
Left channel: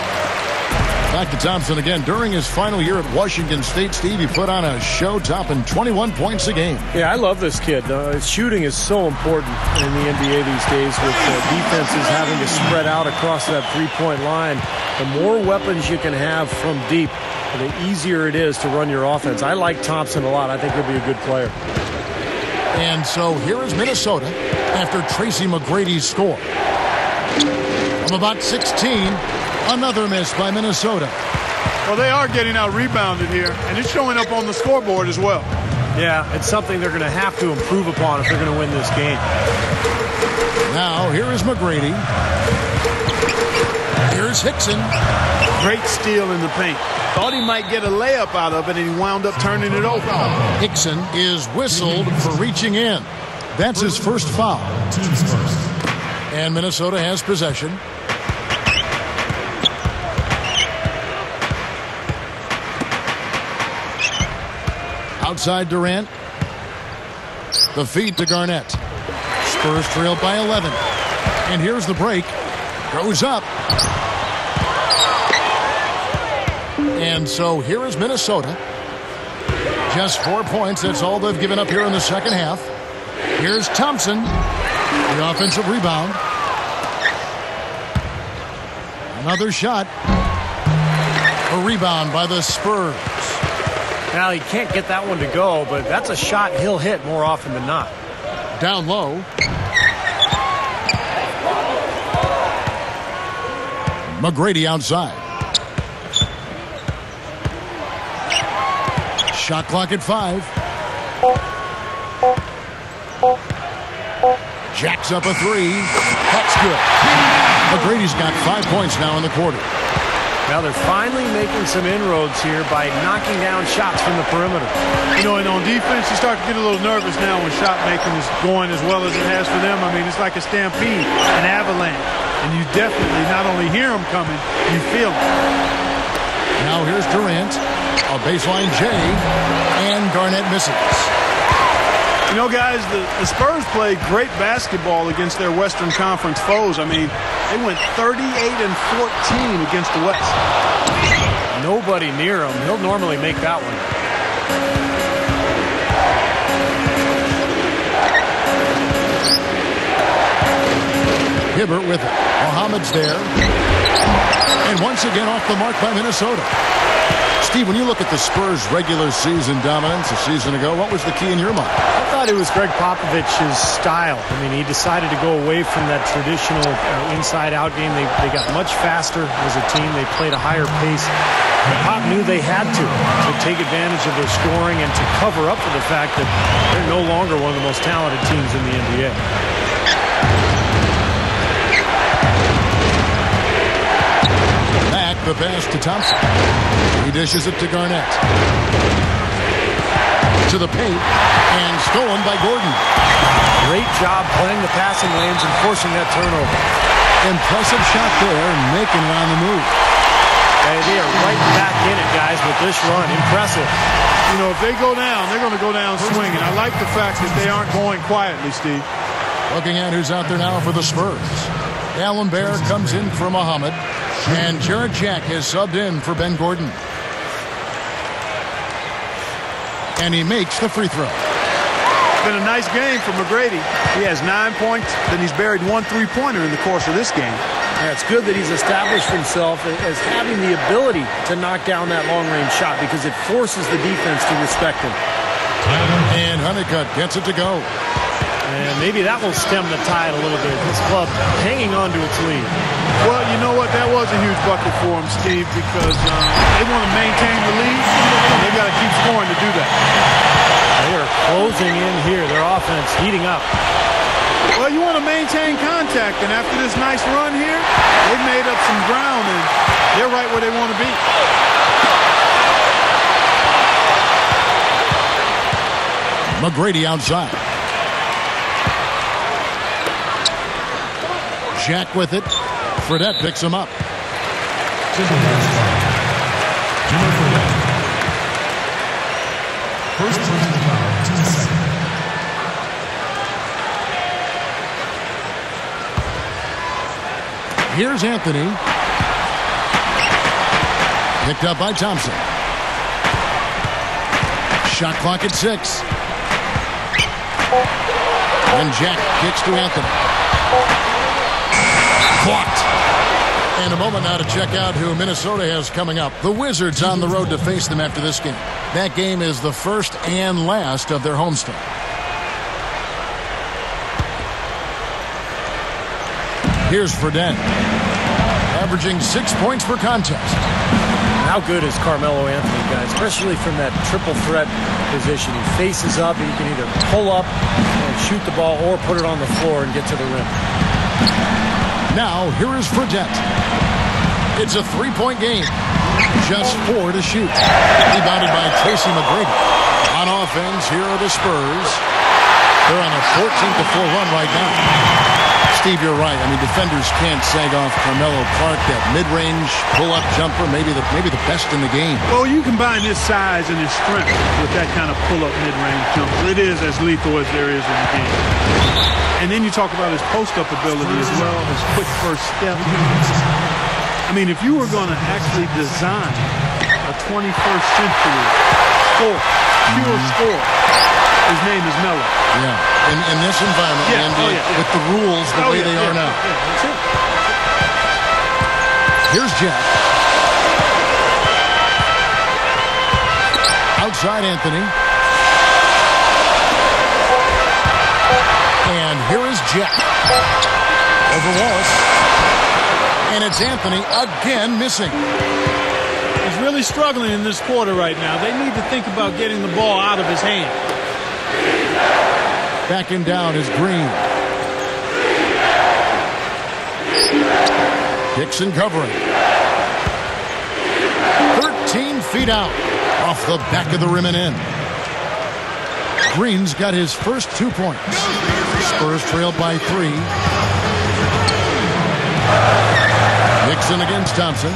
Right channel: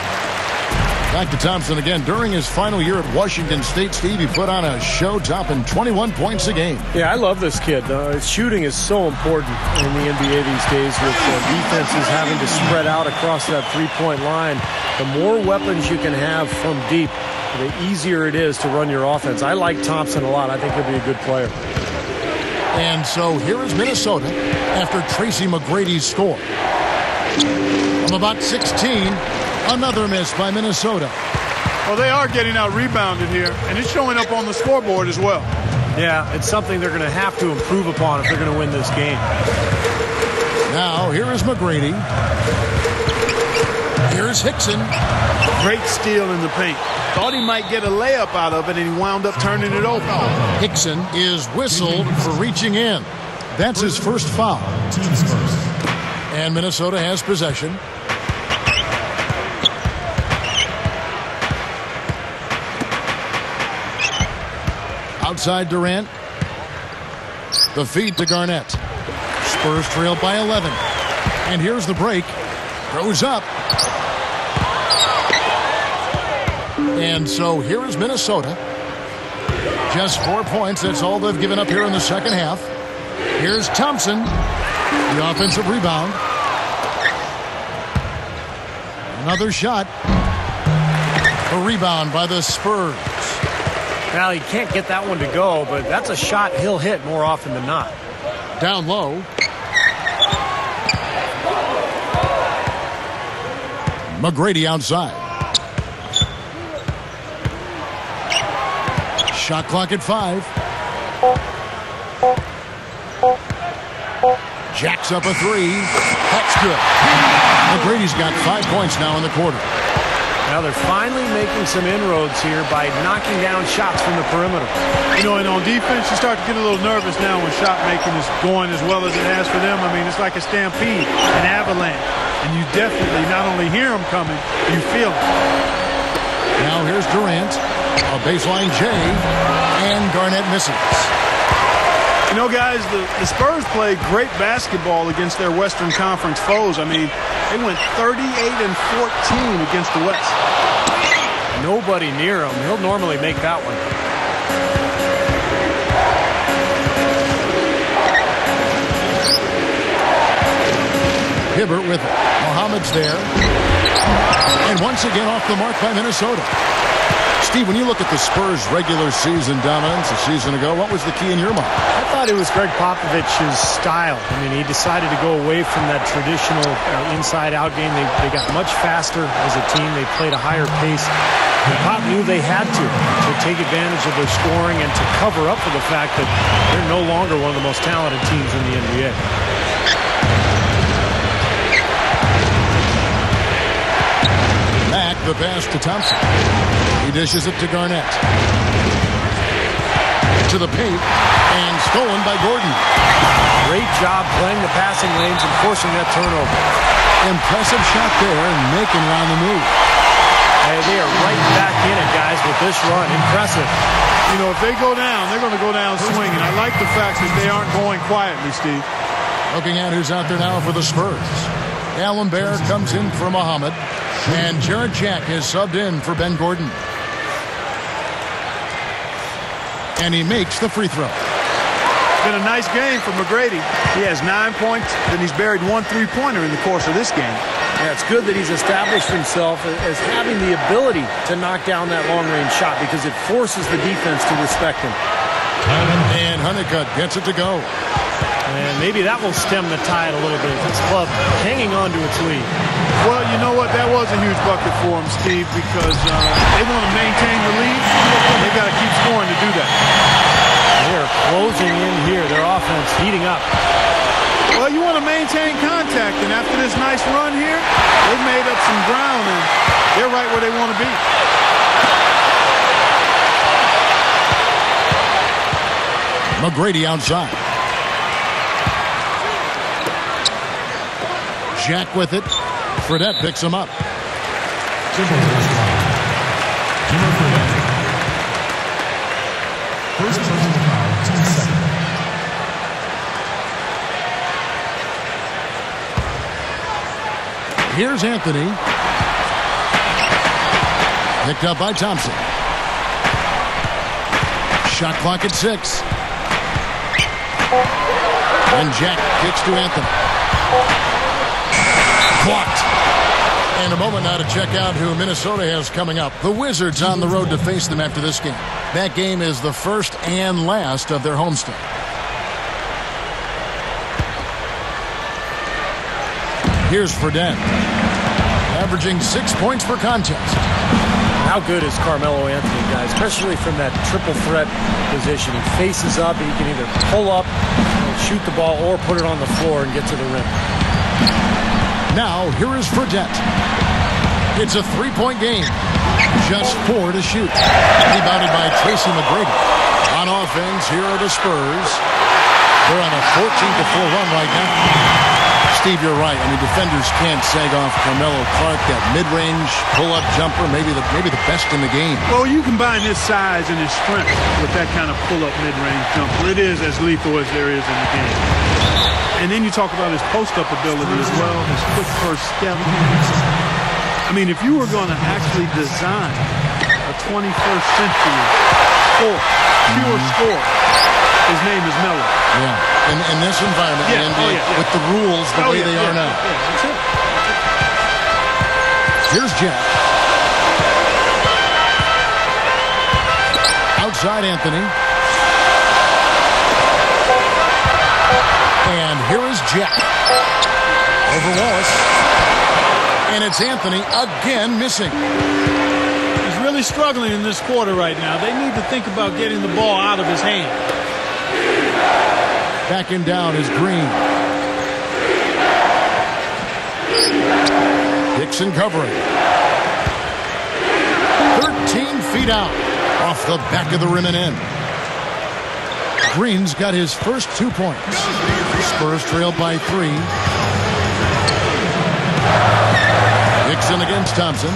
Back to Thompson again. During his final year at Washington State, Steve, he put on a show topping 21 points a game. Yeah, I love this kid. Shooting is so important in the NBA these days with defenses having to spread out across that three-point line. The more weapons you can have from deep, the easier it is to run your offense. I like Thompson a lot. I think he'll be a good player. And so here is Minnesota after Tracy McGrady's score. From about 16, another miss by Minnesota. Well, they are getting out rebounded here, and it's showing up on the scoreboard as well. Yeah, it's something they're going to have to improve upon if they're going to win this game. Now, here is McGrady. Here's Hickson. Great steal in the paint. Thought he might get a layup out of it, and he wound up turning it over. Hickson is whistled for reaching in. That's his first foul. Teams first. And Minnesota has possession. Outside Durant. The feed to Garnett. Spurs trail by 11. And here's the break. Goes up. And so here is Minnesota. Just 4 points. That's all they've given up here in the second half. Here's Thompson. The offensive rebound. Another shot. A rebound by the Spurs. Now, he can't get that one to go, but that's a shot he'll hit more often than not. Down low. McGrady outside. Shot clock at 5. Jacks up a 3. That's good. McGrady's got 5 points now in the quarter. Now they're finally making some inroads here by knocking down shots from the perimeter. You know, and on defense, you start to get a little nervous now when shot making is going as well as it has for them. I mean, it's like a stampede, an avalanche. And you definitely not only hear them coming, you feel them. Now here's Durant. A baseline J. And Garnett misses. You know, guys, the Spurs played great basketball against their Western Conference foes. I mean, they went 38-14 against the West. Nobody near him. He'll normally make that one. Hibbert with it. Mohamed's there. And once again off the mark by Minnesota. Steve, when you look at the Spurs' regular season dominance a season ago, what was the key in your mind? I thought it was Greg Popovich's style. I mean, he decided to go away from that traditional inside-out game. They got much faster as a team. They played a higher pace. And Pop knew they had to take advantage of their scoring and to cover up for the fact that they're no longer one of the most talented teams in the NBA. Mack, the pass to Thompson. He dishes it to Garnett. To the paint, and stolen by Gordon. Great job playing the passing lanes and forcing that turnover. Impressive shot there, making it on the move. Hey, they are right back in it, guys, with this run. Impressive. You know, if they go down, they're going to go down swinging. I like the fact that they aren't going quietly, Steve. Looking at who's out there now for the Spurs. Allen Bear comes in for Mohamed. And Jarrett Jack has subbed in for Ben Gordon. And he makes the free throw. It's been a nice game for McGrady. He has 9 points, then he's buried 1 3-pointer in the course of this game. Yeah, it's good that he's established himself as having the ability to knock down that long-range shot because it forces the defense to respect him. And Honeycutt gets it to go. And maybe that will stem the tide a little bit. This club hanging on to its lead. Well, you know what? That was a huge bucket for them, Steve, because they want to maintain the lead, and they've got to keep scoring to do that. They are closing in here. Their offense heating up. Well, you want to maintain contact, and after this nice run here, they've made up some ground, and they're right where they want to be. McGrady outside. Jack with it. Fredette picks him up. Timberwolves foul. Jimmer Fredette. First personal foul, 2 seconds. Here's Anthony. Picked up by Thompson. Shot clock at 6. And Jack kicks to Anthony. Blocked. And a moment now to check out who Minnesota has coming up. The Wizards on the road to face them after this game. That game is the first and last of their homestand. Here's Fredette, averaging 6 points per contest. How good is Carmelo Anthony, guys, especially from that triple threat position. He faces up. He can either pull up and shoot the ball or put it on the floor and get to the rim. Now, here is Fredette. It's a 3-point game. Just 4 to shoot. Rebounded by Tracy McGrady. On offense, here are the Spurs. They're on a 14-4 run right now. Steve, you're right. I mean, defenders can't sag off Carmelo Clark. That mid-range pull-up jumper, maybe the best in the game. Well, you combine his size and his strength with that kind of pull-up mid-range jumper. It is as lethal as there is in the game. And then you talk about his post-up ability as well, his quick first step. I mean, if you were going to actually design a 21st century score, pure score, his name is Melo. Yeah, in this environment, the NBA, with the rules the way they are now. Yeah, that's it. Here's Jack. Outside Anthony. And here is Jack. Over Wallace. And it's Anthony again missing. He's really struggling in this quarter right now. They need to think about getting the ball out of his hand. Backing down is Green. Dixon covering. 13 feet out. Off the back of the rim and in. Green's got his first 2 points. Spurs trailed by 3. Dixon against Thompson.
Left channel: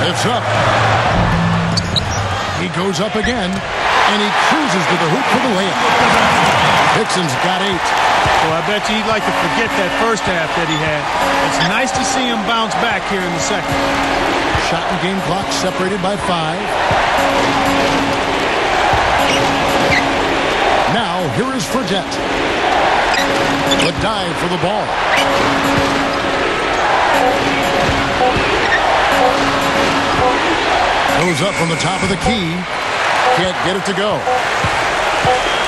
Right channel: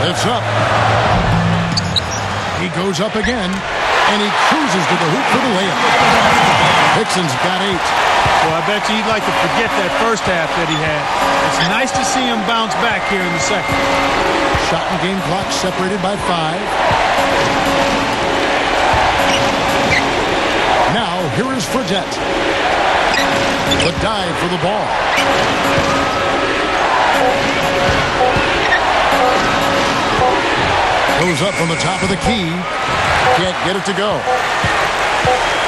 Lifts up. He goes up again. And he cruises to the hoop for the layup. Dixon's got 8. Well, I bet you he'd like to forget that first half that he had. It's nice to see him bounce back here in the second. Shot and game clock separated by 5. Now, here is Fredette. The dive for the ball. Goes up from the top of the key. Can't get it to go.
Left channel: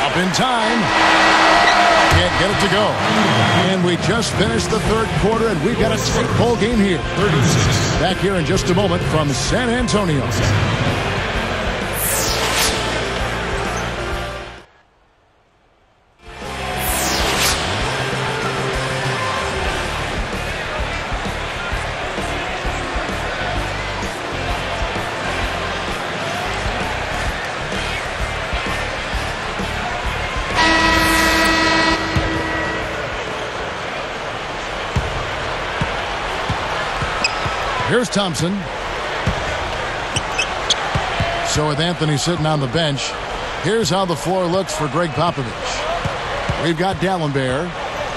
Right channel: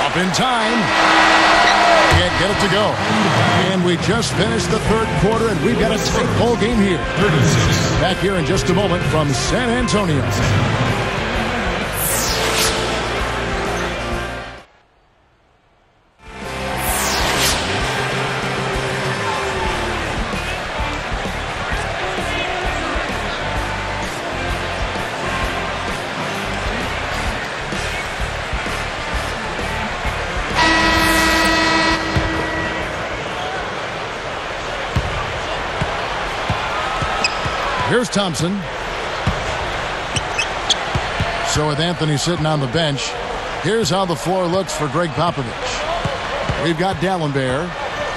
Up in time. Can't get it to go. And we just finished the third quarter, and we've got a tight ball game here. Back here in just a moment from San Antonio. Here's Thompson. So with Anthony sitting on the bench, here's how the floor looks for Greg Popovich. We've got Dallenberg.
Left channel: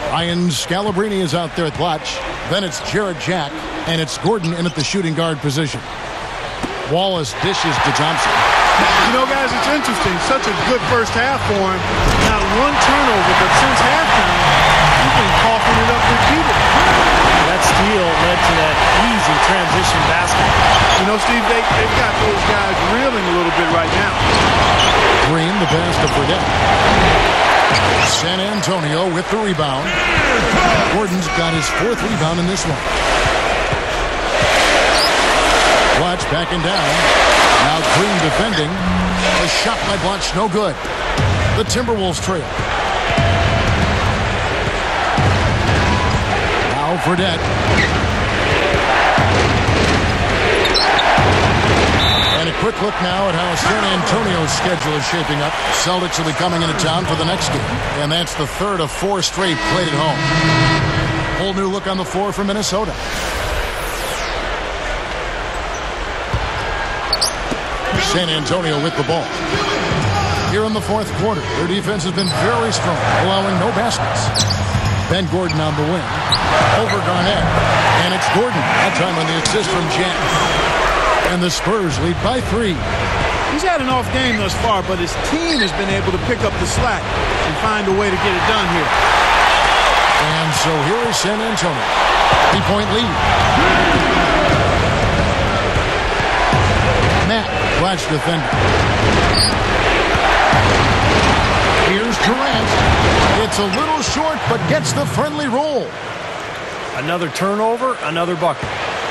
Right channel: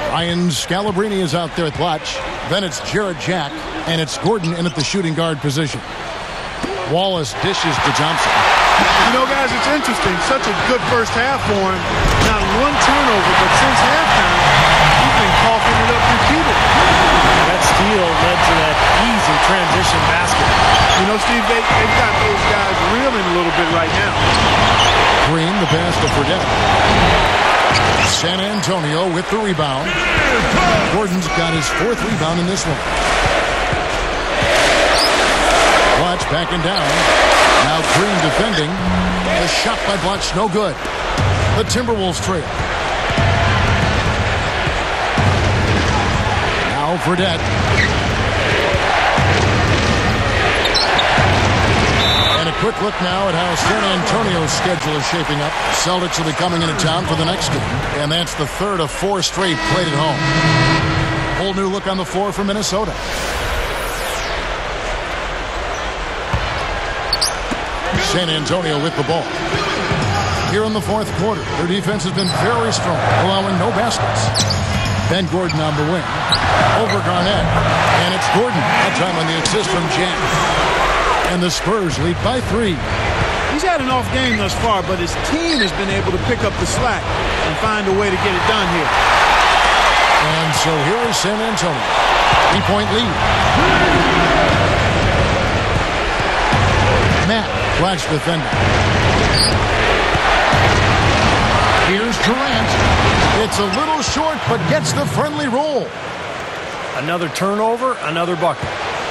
Ryan Scalabrine is out there at watch. Then it's Jarrett Jack, and it's Gordon in at the shooting guard position. Wallace dishes to Thompson. You know, guys, it's interesting. Such a good first half for him. Not one turnover, but since halftime, he's been coughing it up repeatedly. That steal led to that easy transition basket. You know, Steve, they've got those guys reeling a little bit right now. Green, the pass to Fredette. San Antonio with the rebound. Gordon's got his 4th rebound in this one. Blatch backing down. Now Green defending. The shot by Blatch, no good. The Timberwolves trail. Now Fredette. And a quick look now at how San Antonio's schedule is shaping up. The Celtics will be coming into town for the next game, and that's the 3rd of 4 straight played at home. Whole new look on the floor for Minnesota. San Antonio with the ball. Here in the 4th quarter, their defense has been very strong, allowing no baskets. Ben Gordon on the wing. Over Garnett. And it's Gordon. That time on the assist from Jack. And the Spurs lead by 3. He's had an off game thus far, but his team has been able to pick up the slack and find a way to get it done here. And so here is San Antonio. 3-point lead. Matt, watch defender. Here's Durant. It's a little short, but gets the friendly roll. Another turnover, another bucket.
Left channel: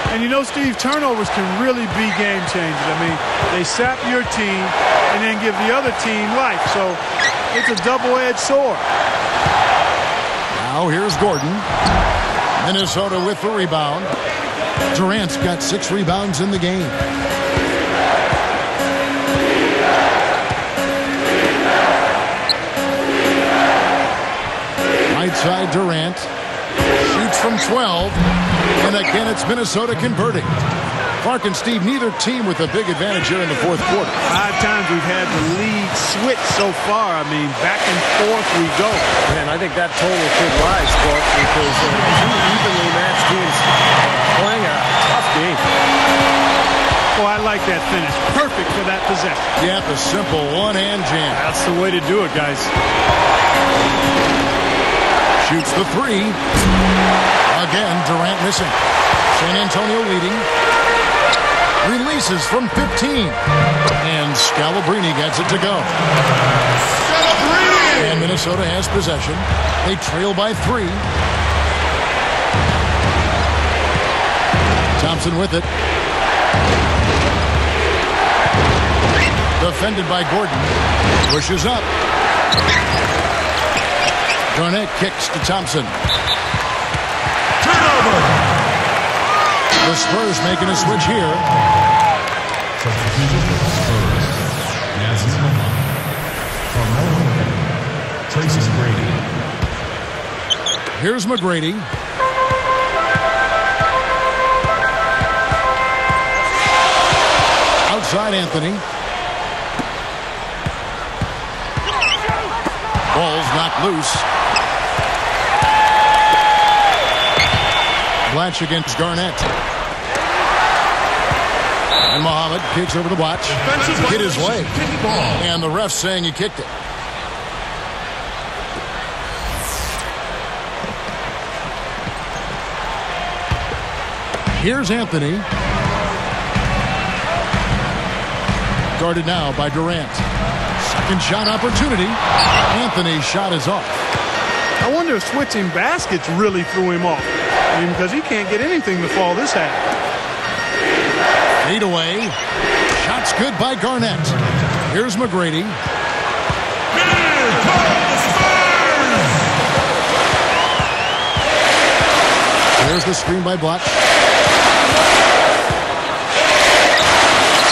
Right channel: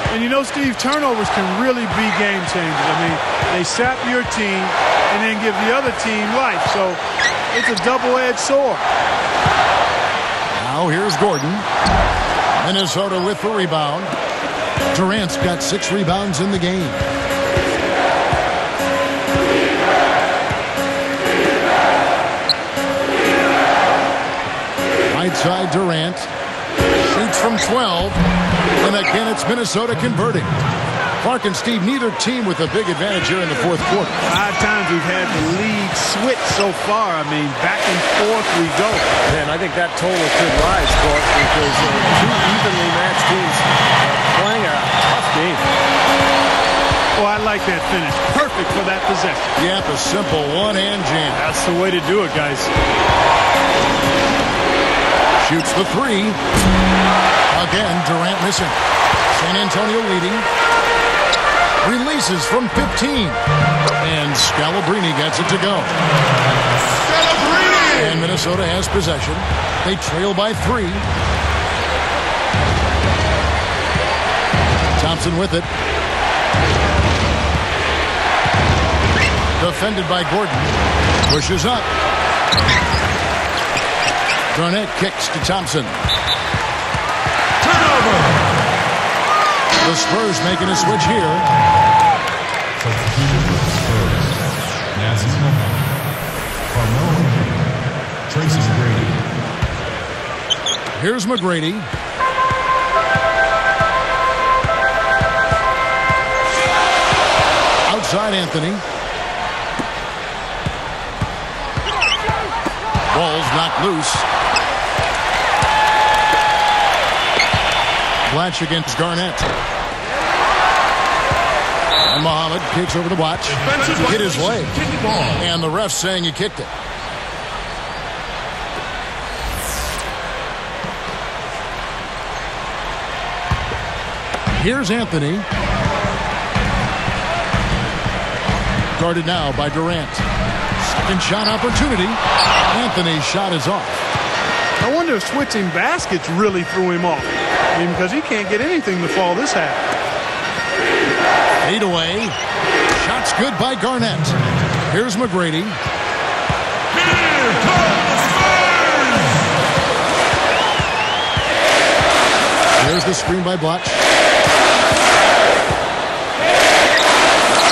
And you know, Steve, turnovers can really be game changers. I mean, they sap your team and then give the other team life. So it's a double-edged sword. Now here's Gordon. Minnesota with the rebound. Durant's got 6 rebounds in the game. Right side Durant. Shoots from 12. And again, it's Minnesota converting. Clark and Steve, neither team with a big advantage here in the fourth quarter. 5 times we've had the lead switch so far. I mean, back and forth we go. Man, I think that total could rise, Clark, because 2 evenly matched teams playing a tough game. Well, I like that finish. Perfect for that possession. Yep, a simple one-hand jam. That's the way to do it, guys. Shoots the 3. Again, Durant missing. San Antonio leading. Releases from 15. And Scalabrine gets it to go. And Minnesota has possession. They trail by 3. Thompson with it. Defended by Gordon. Pushes up. Garnett kicks to Thompson. The Spurs making a switch here. Here's McGrady. Outside Anthony. Ball's knocked loose. Blatch against Garnett. And Muhammad kicks over to Blatch. Hit his leg. And the ref saying he kicked it. Here's Anthony. Guarded now by Durant. Second shot opportunity. Anthony's shot is off. I wonder if switching baskets really threw him off. I mean, because he can't get anything to fall this half. Fade away. Shot's good by Garnett. Here's McGrady. Here's the screen by Blatch.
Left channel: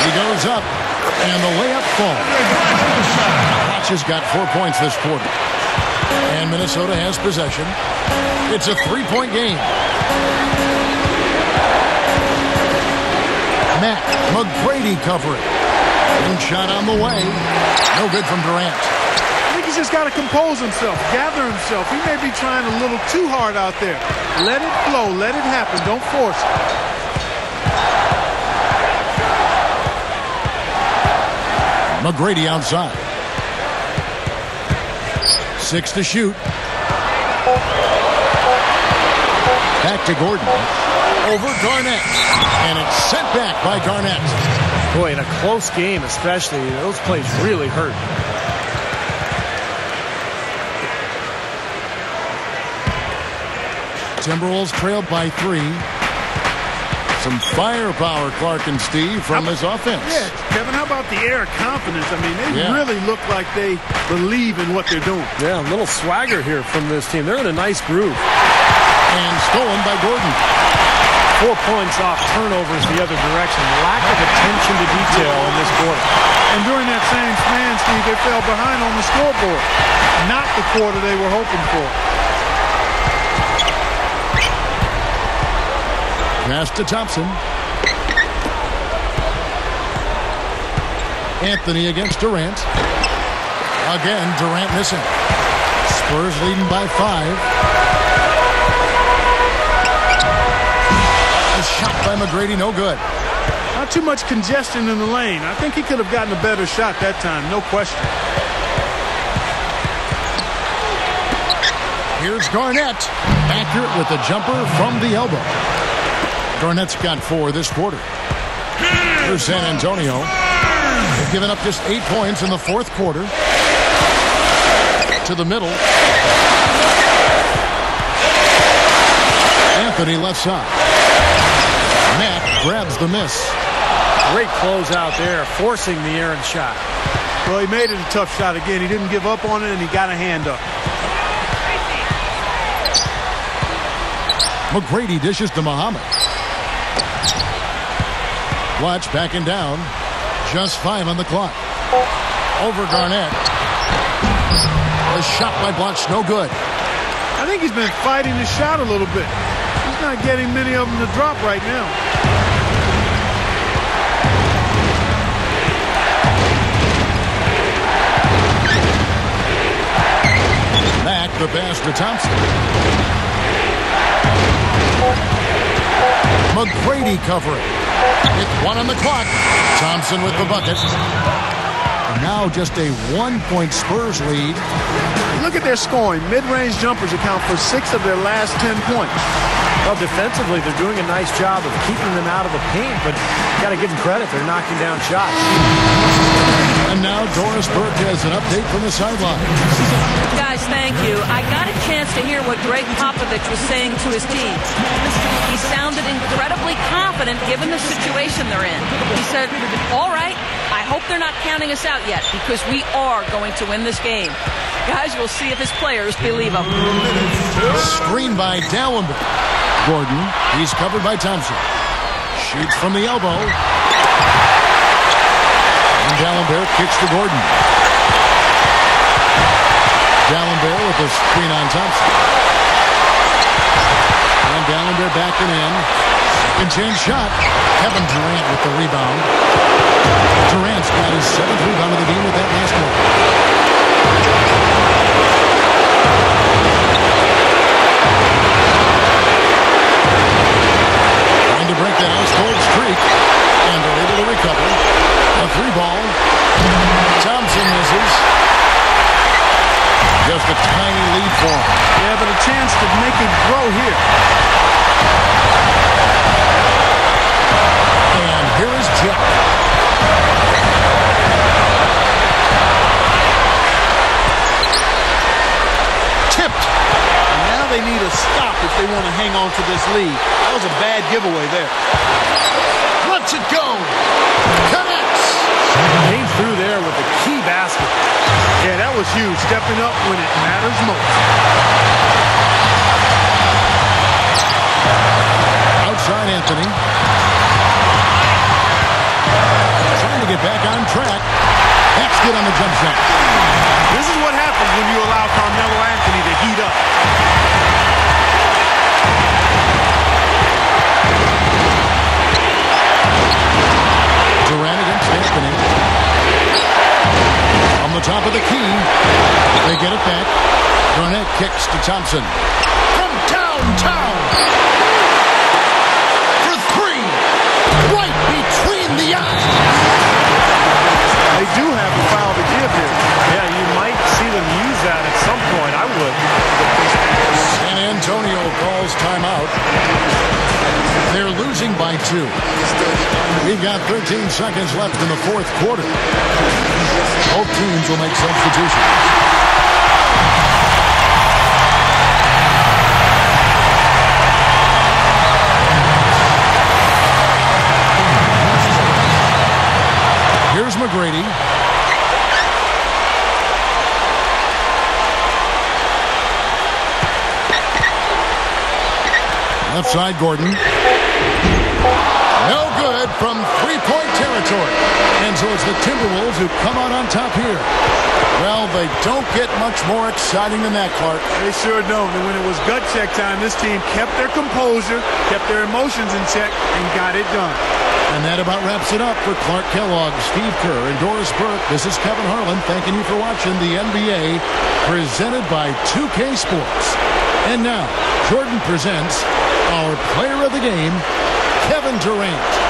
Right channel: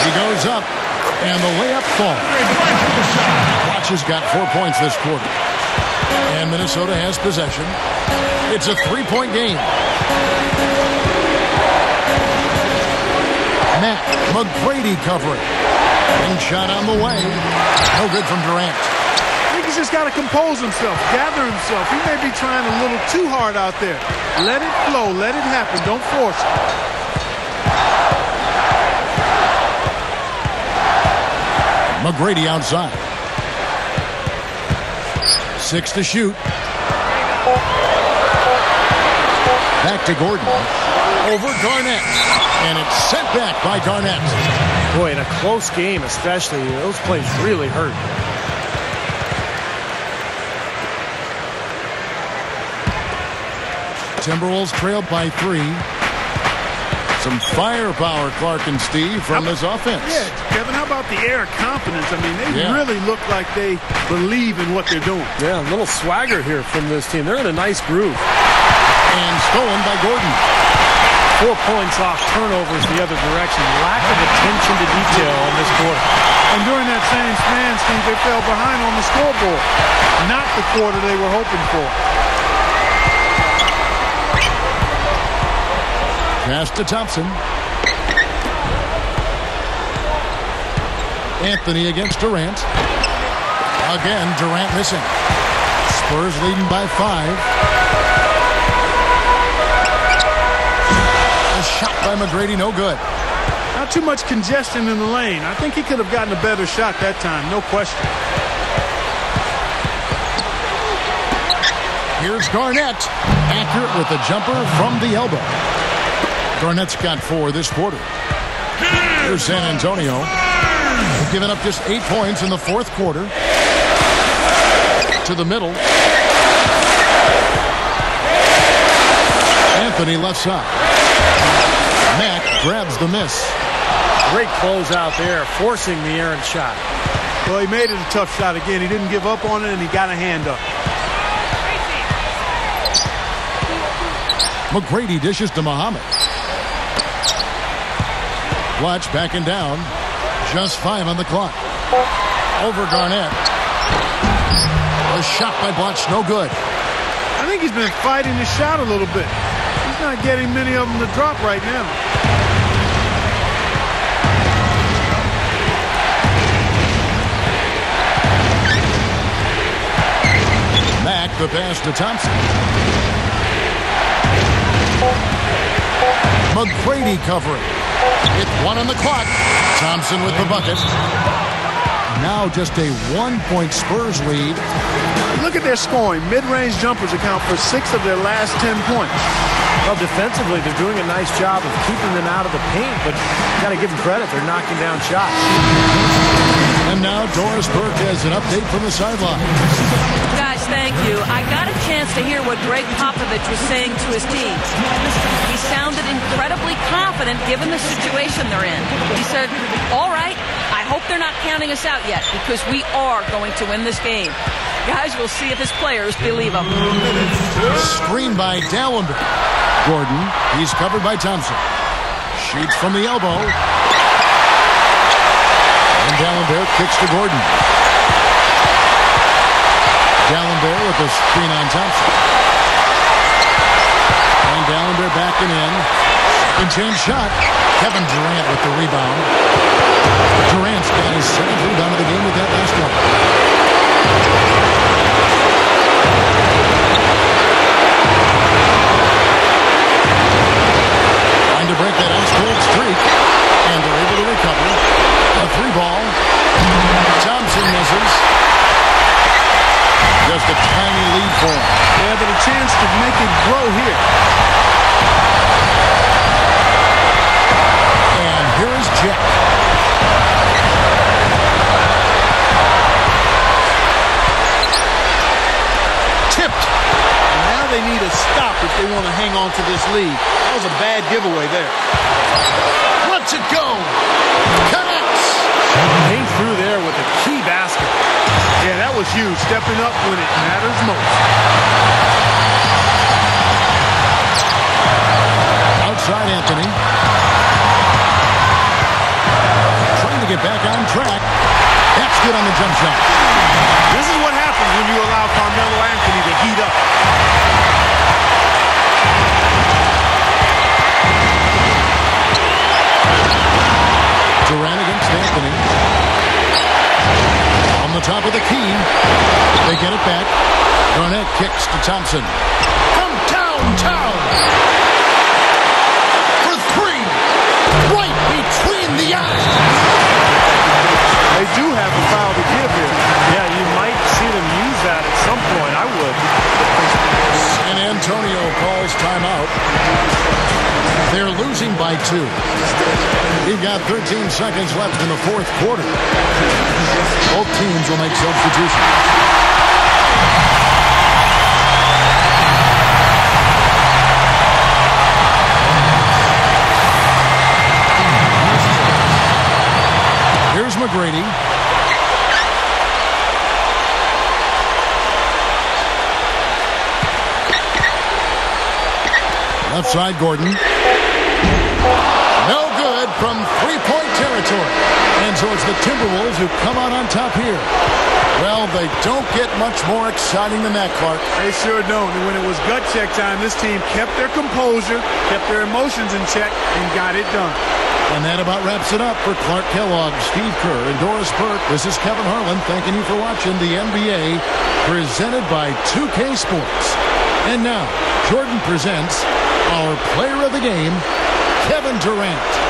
He goes up, and the layup falls. Blatch has got 4 points this quarter. And Minnesota has possession. It's a 3-point game. Matt McGrady covering. And shot on the way. No good from Durant. I think he's just got to compose himself, gather himself. He may be trying a little too hard out there. Let it flow. Let it happen. Don't force it. McGrady outside. 6 to shoot. Back to Gordon. Over Garnett. And it's sent back by Garnett. Boy, in a close game especially, those plays really hurt. Timberwolves trailed by 3. Some firepower, Clark and Steve, from this offense. Yeah, Kevin, how about the air of confidence? I mean, they really look like they believe in what they're doing. Yeah, a little swagger here from this team. They're in a nice groove. And stolen by Gordon. 4 points off turnovers the other direction. Lack of attention to detail in this quarter. And during that same span, Steve, they fell behind on the scoreboard. Not the quarter they were hoping for. Pass to Thompson. Anthony against Durant. Again, Durant missing. Spurs leading by 5. A shot by McGrady, no good. Not too much congestion in the lane. I think he could have gotten a better shot that time, no question. Here's Garnett. Accurate with the jumper from the elbow. Garnett's got 4 this quarter. Here's San Antonio. They've given up just 8 points in the 4th quarter. To the middle. Anthony left side. Mack grabs the miss. Great close out there, forcing the errant shot. Well, he made it a tough shot again. He didn't give up on it, and he got a hand up. McGrady dishes to Muhammad. Blatch backing down. Just 5 on the clock. Over Garnett. The shot by Blatch, no good. I think he's been fighting his shot a little bit. He's not getting many of them to drop right now. Mack the pass to Thompson. McGrady covering. With 1 on the clock. Thompson with the bucket. And now just a 1-point Spurs lead. Look at their scoring. Mid-range jumpers account for 6 of their last 10 points. Well, defensively, they're doing a nice job of keeping them out of the paint, but you got to give them credit. They're knocking down shots. And now Doris Burke has an update from the sideline. Guys, thank you. I got a chance to hear what Greg Popovich was saying to his team. He sounded incredibly confident given the situation they're in. He said, all right, I hope they're not counting us out yet because we are going to win this game. Guys, we'll see if his players believe him. Screen by Dallenberg. Gordon, he's covered by Thompson. Shoots from the elbow. And Dallenberg kicks to Gordon. Dallenberg with the screen on Thompson. And Dallenberg backing in. Second chance shot. Kevin Durant with the rebound. Durant's got his 7th rebound of the game with that last one. Trying to break that ice-cold streak. And they're able to recover. A 3-ball. Thompson misses. Just a tiny lead for him. Yeah, but a chance to make it grow here. And here is Jack. Tipped. And now they need a stop if they want to hang on to this lead. That was a bad giveaway there. Lets it go. Connects. Came through there with a key basket. Yeah, that was huge. Stepping up when it matters most. Outside Anthony. Trying to get back on track. That's good on the jump shot. This is what happens when you allow Carmelo Anthony to heat up. Durant against Anthony. On the top of the key. They get it back. Garnett kicks to Thompson. From downtown. For 3. Right between the eyes. They do have a foul to give here. Yeah, you might see them use that at some point. I would. San Antonio calls timeout. They're losing by 2. We've got 13 seconds left in the 4th quarter. Both teams will make substitutions. Here's McGrady. Left side, Gordon. No good from 3-point territory. And so it's the Timberwolves who come out on top here. Well, they don't get much more exciting than that, Clark. They sure don't. And when it was gut check time, this team kept their composure, kept their emotions in check, and got it done. And that about wraps it up for Clark Kellogg, Steve Kerr, and Doris Burke. This is Kevin Harlan thanking you for watching the NBA presented by 2K Sports. And now, Jordan presents our player of the game, Kevin Durant.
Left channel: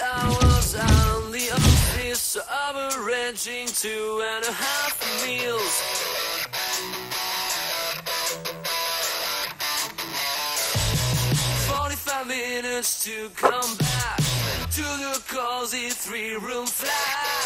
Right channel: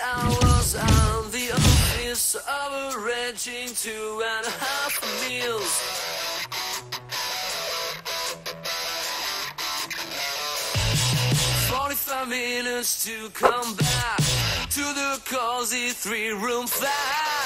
Hours on the office, averaging 2.5 meals. "45 minutes to come back to the cozy 3-room flat.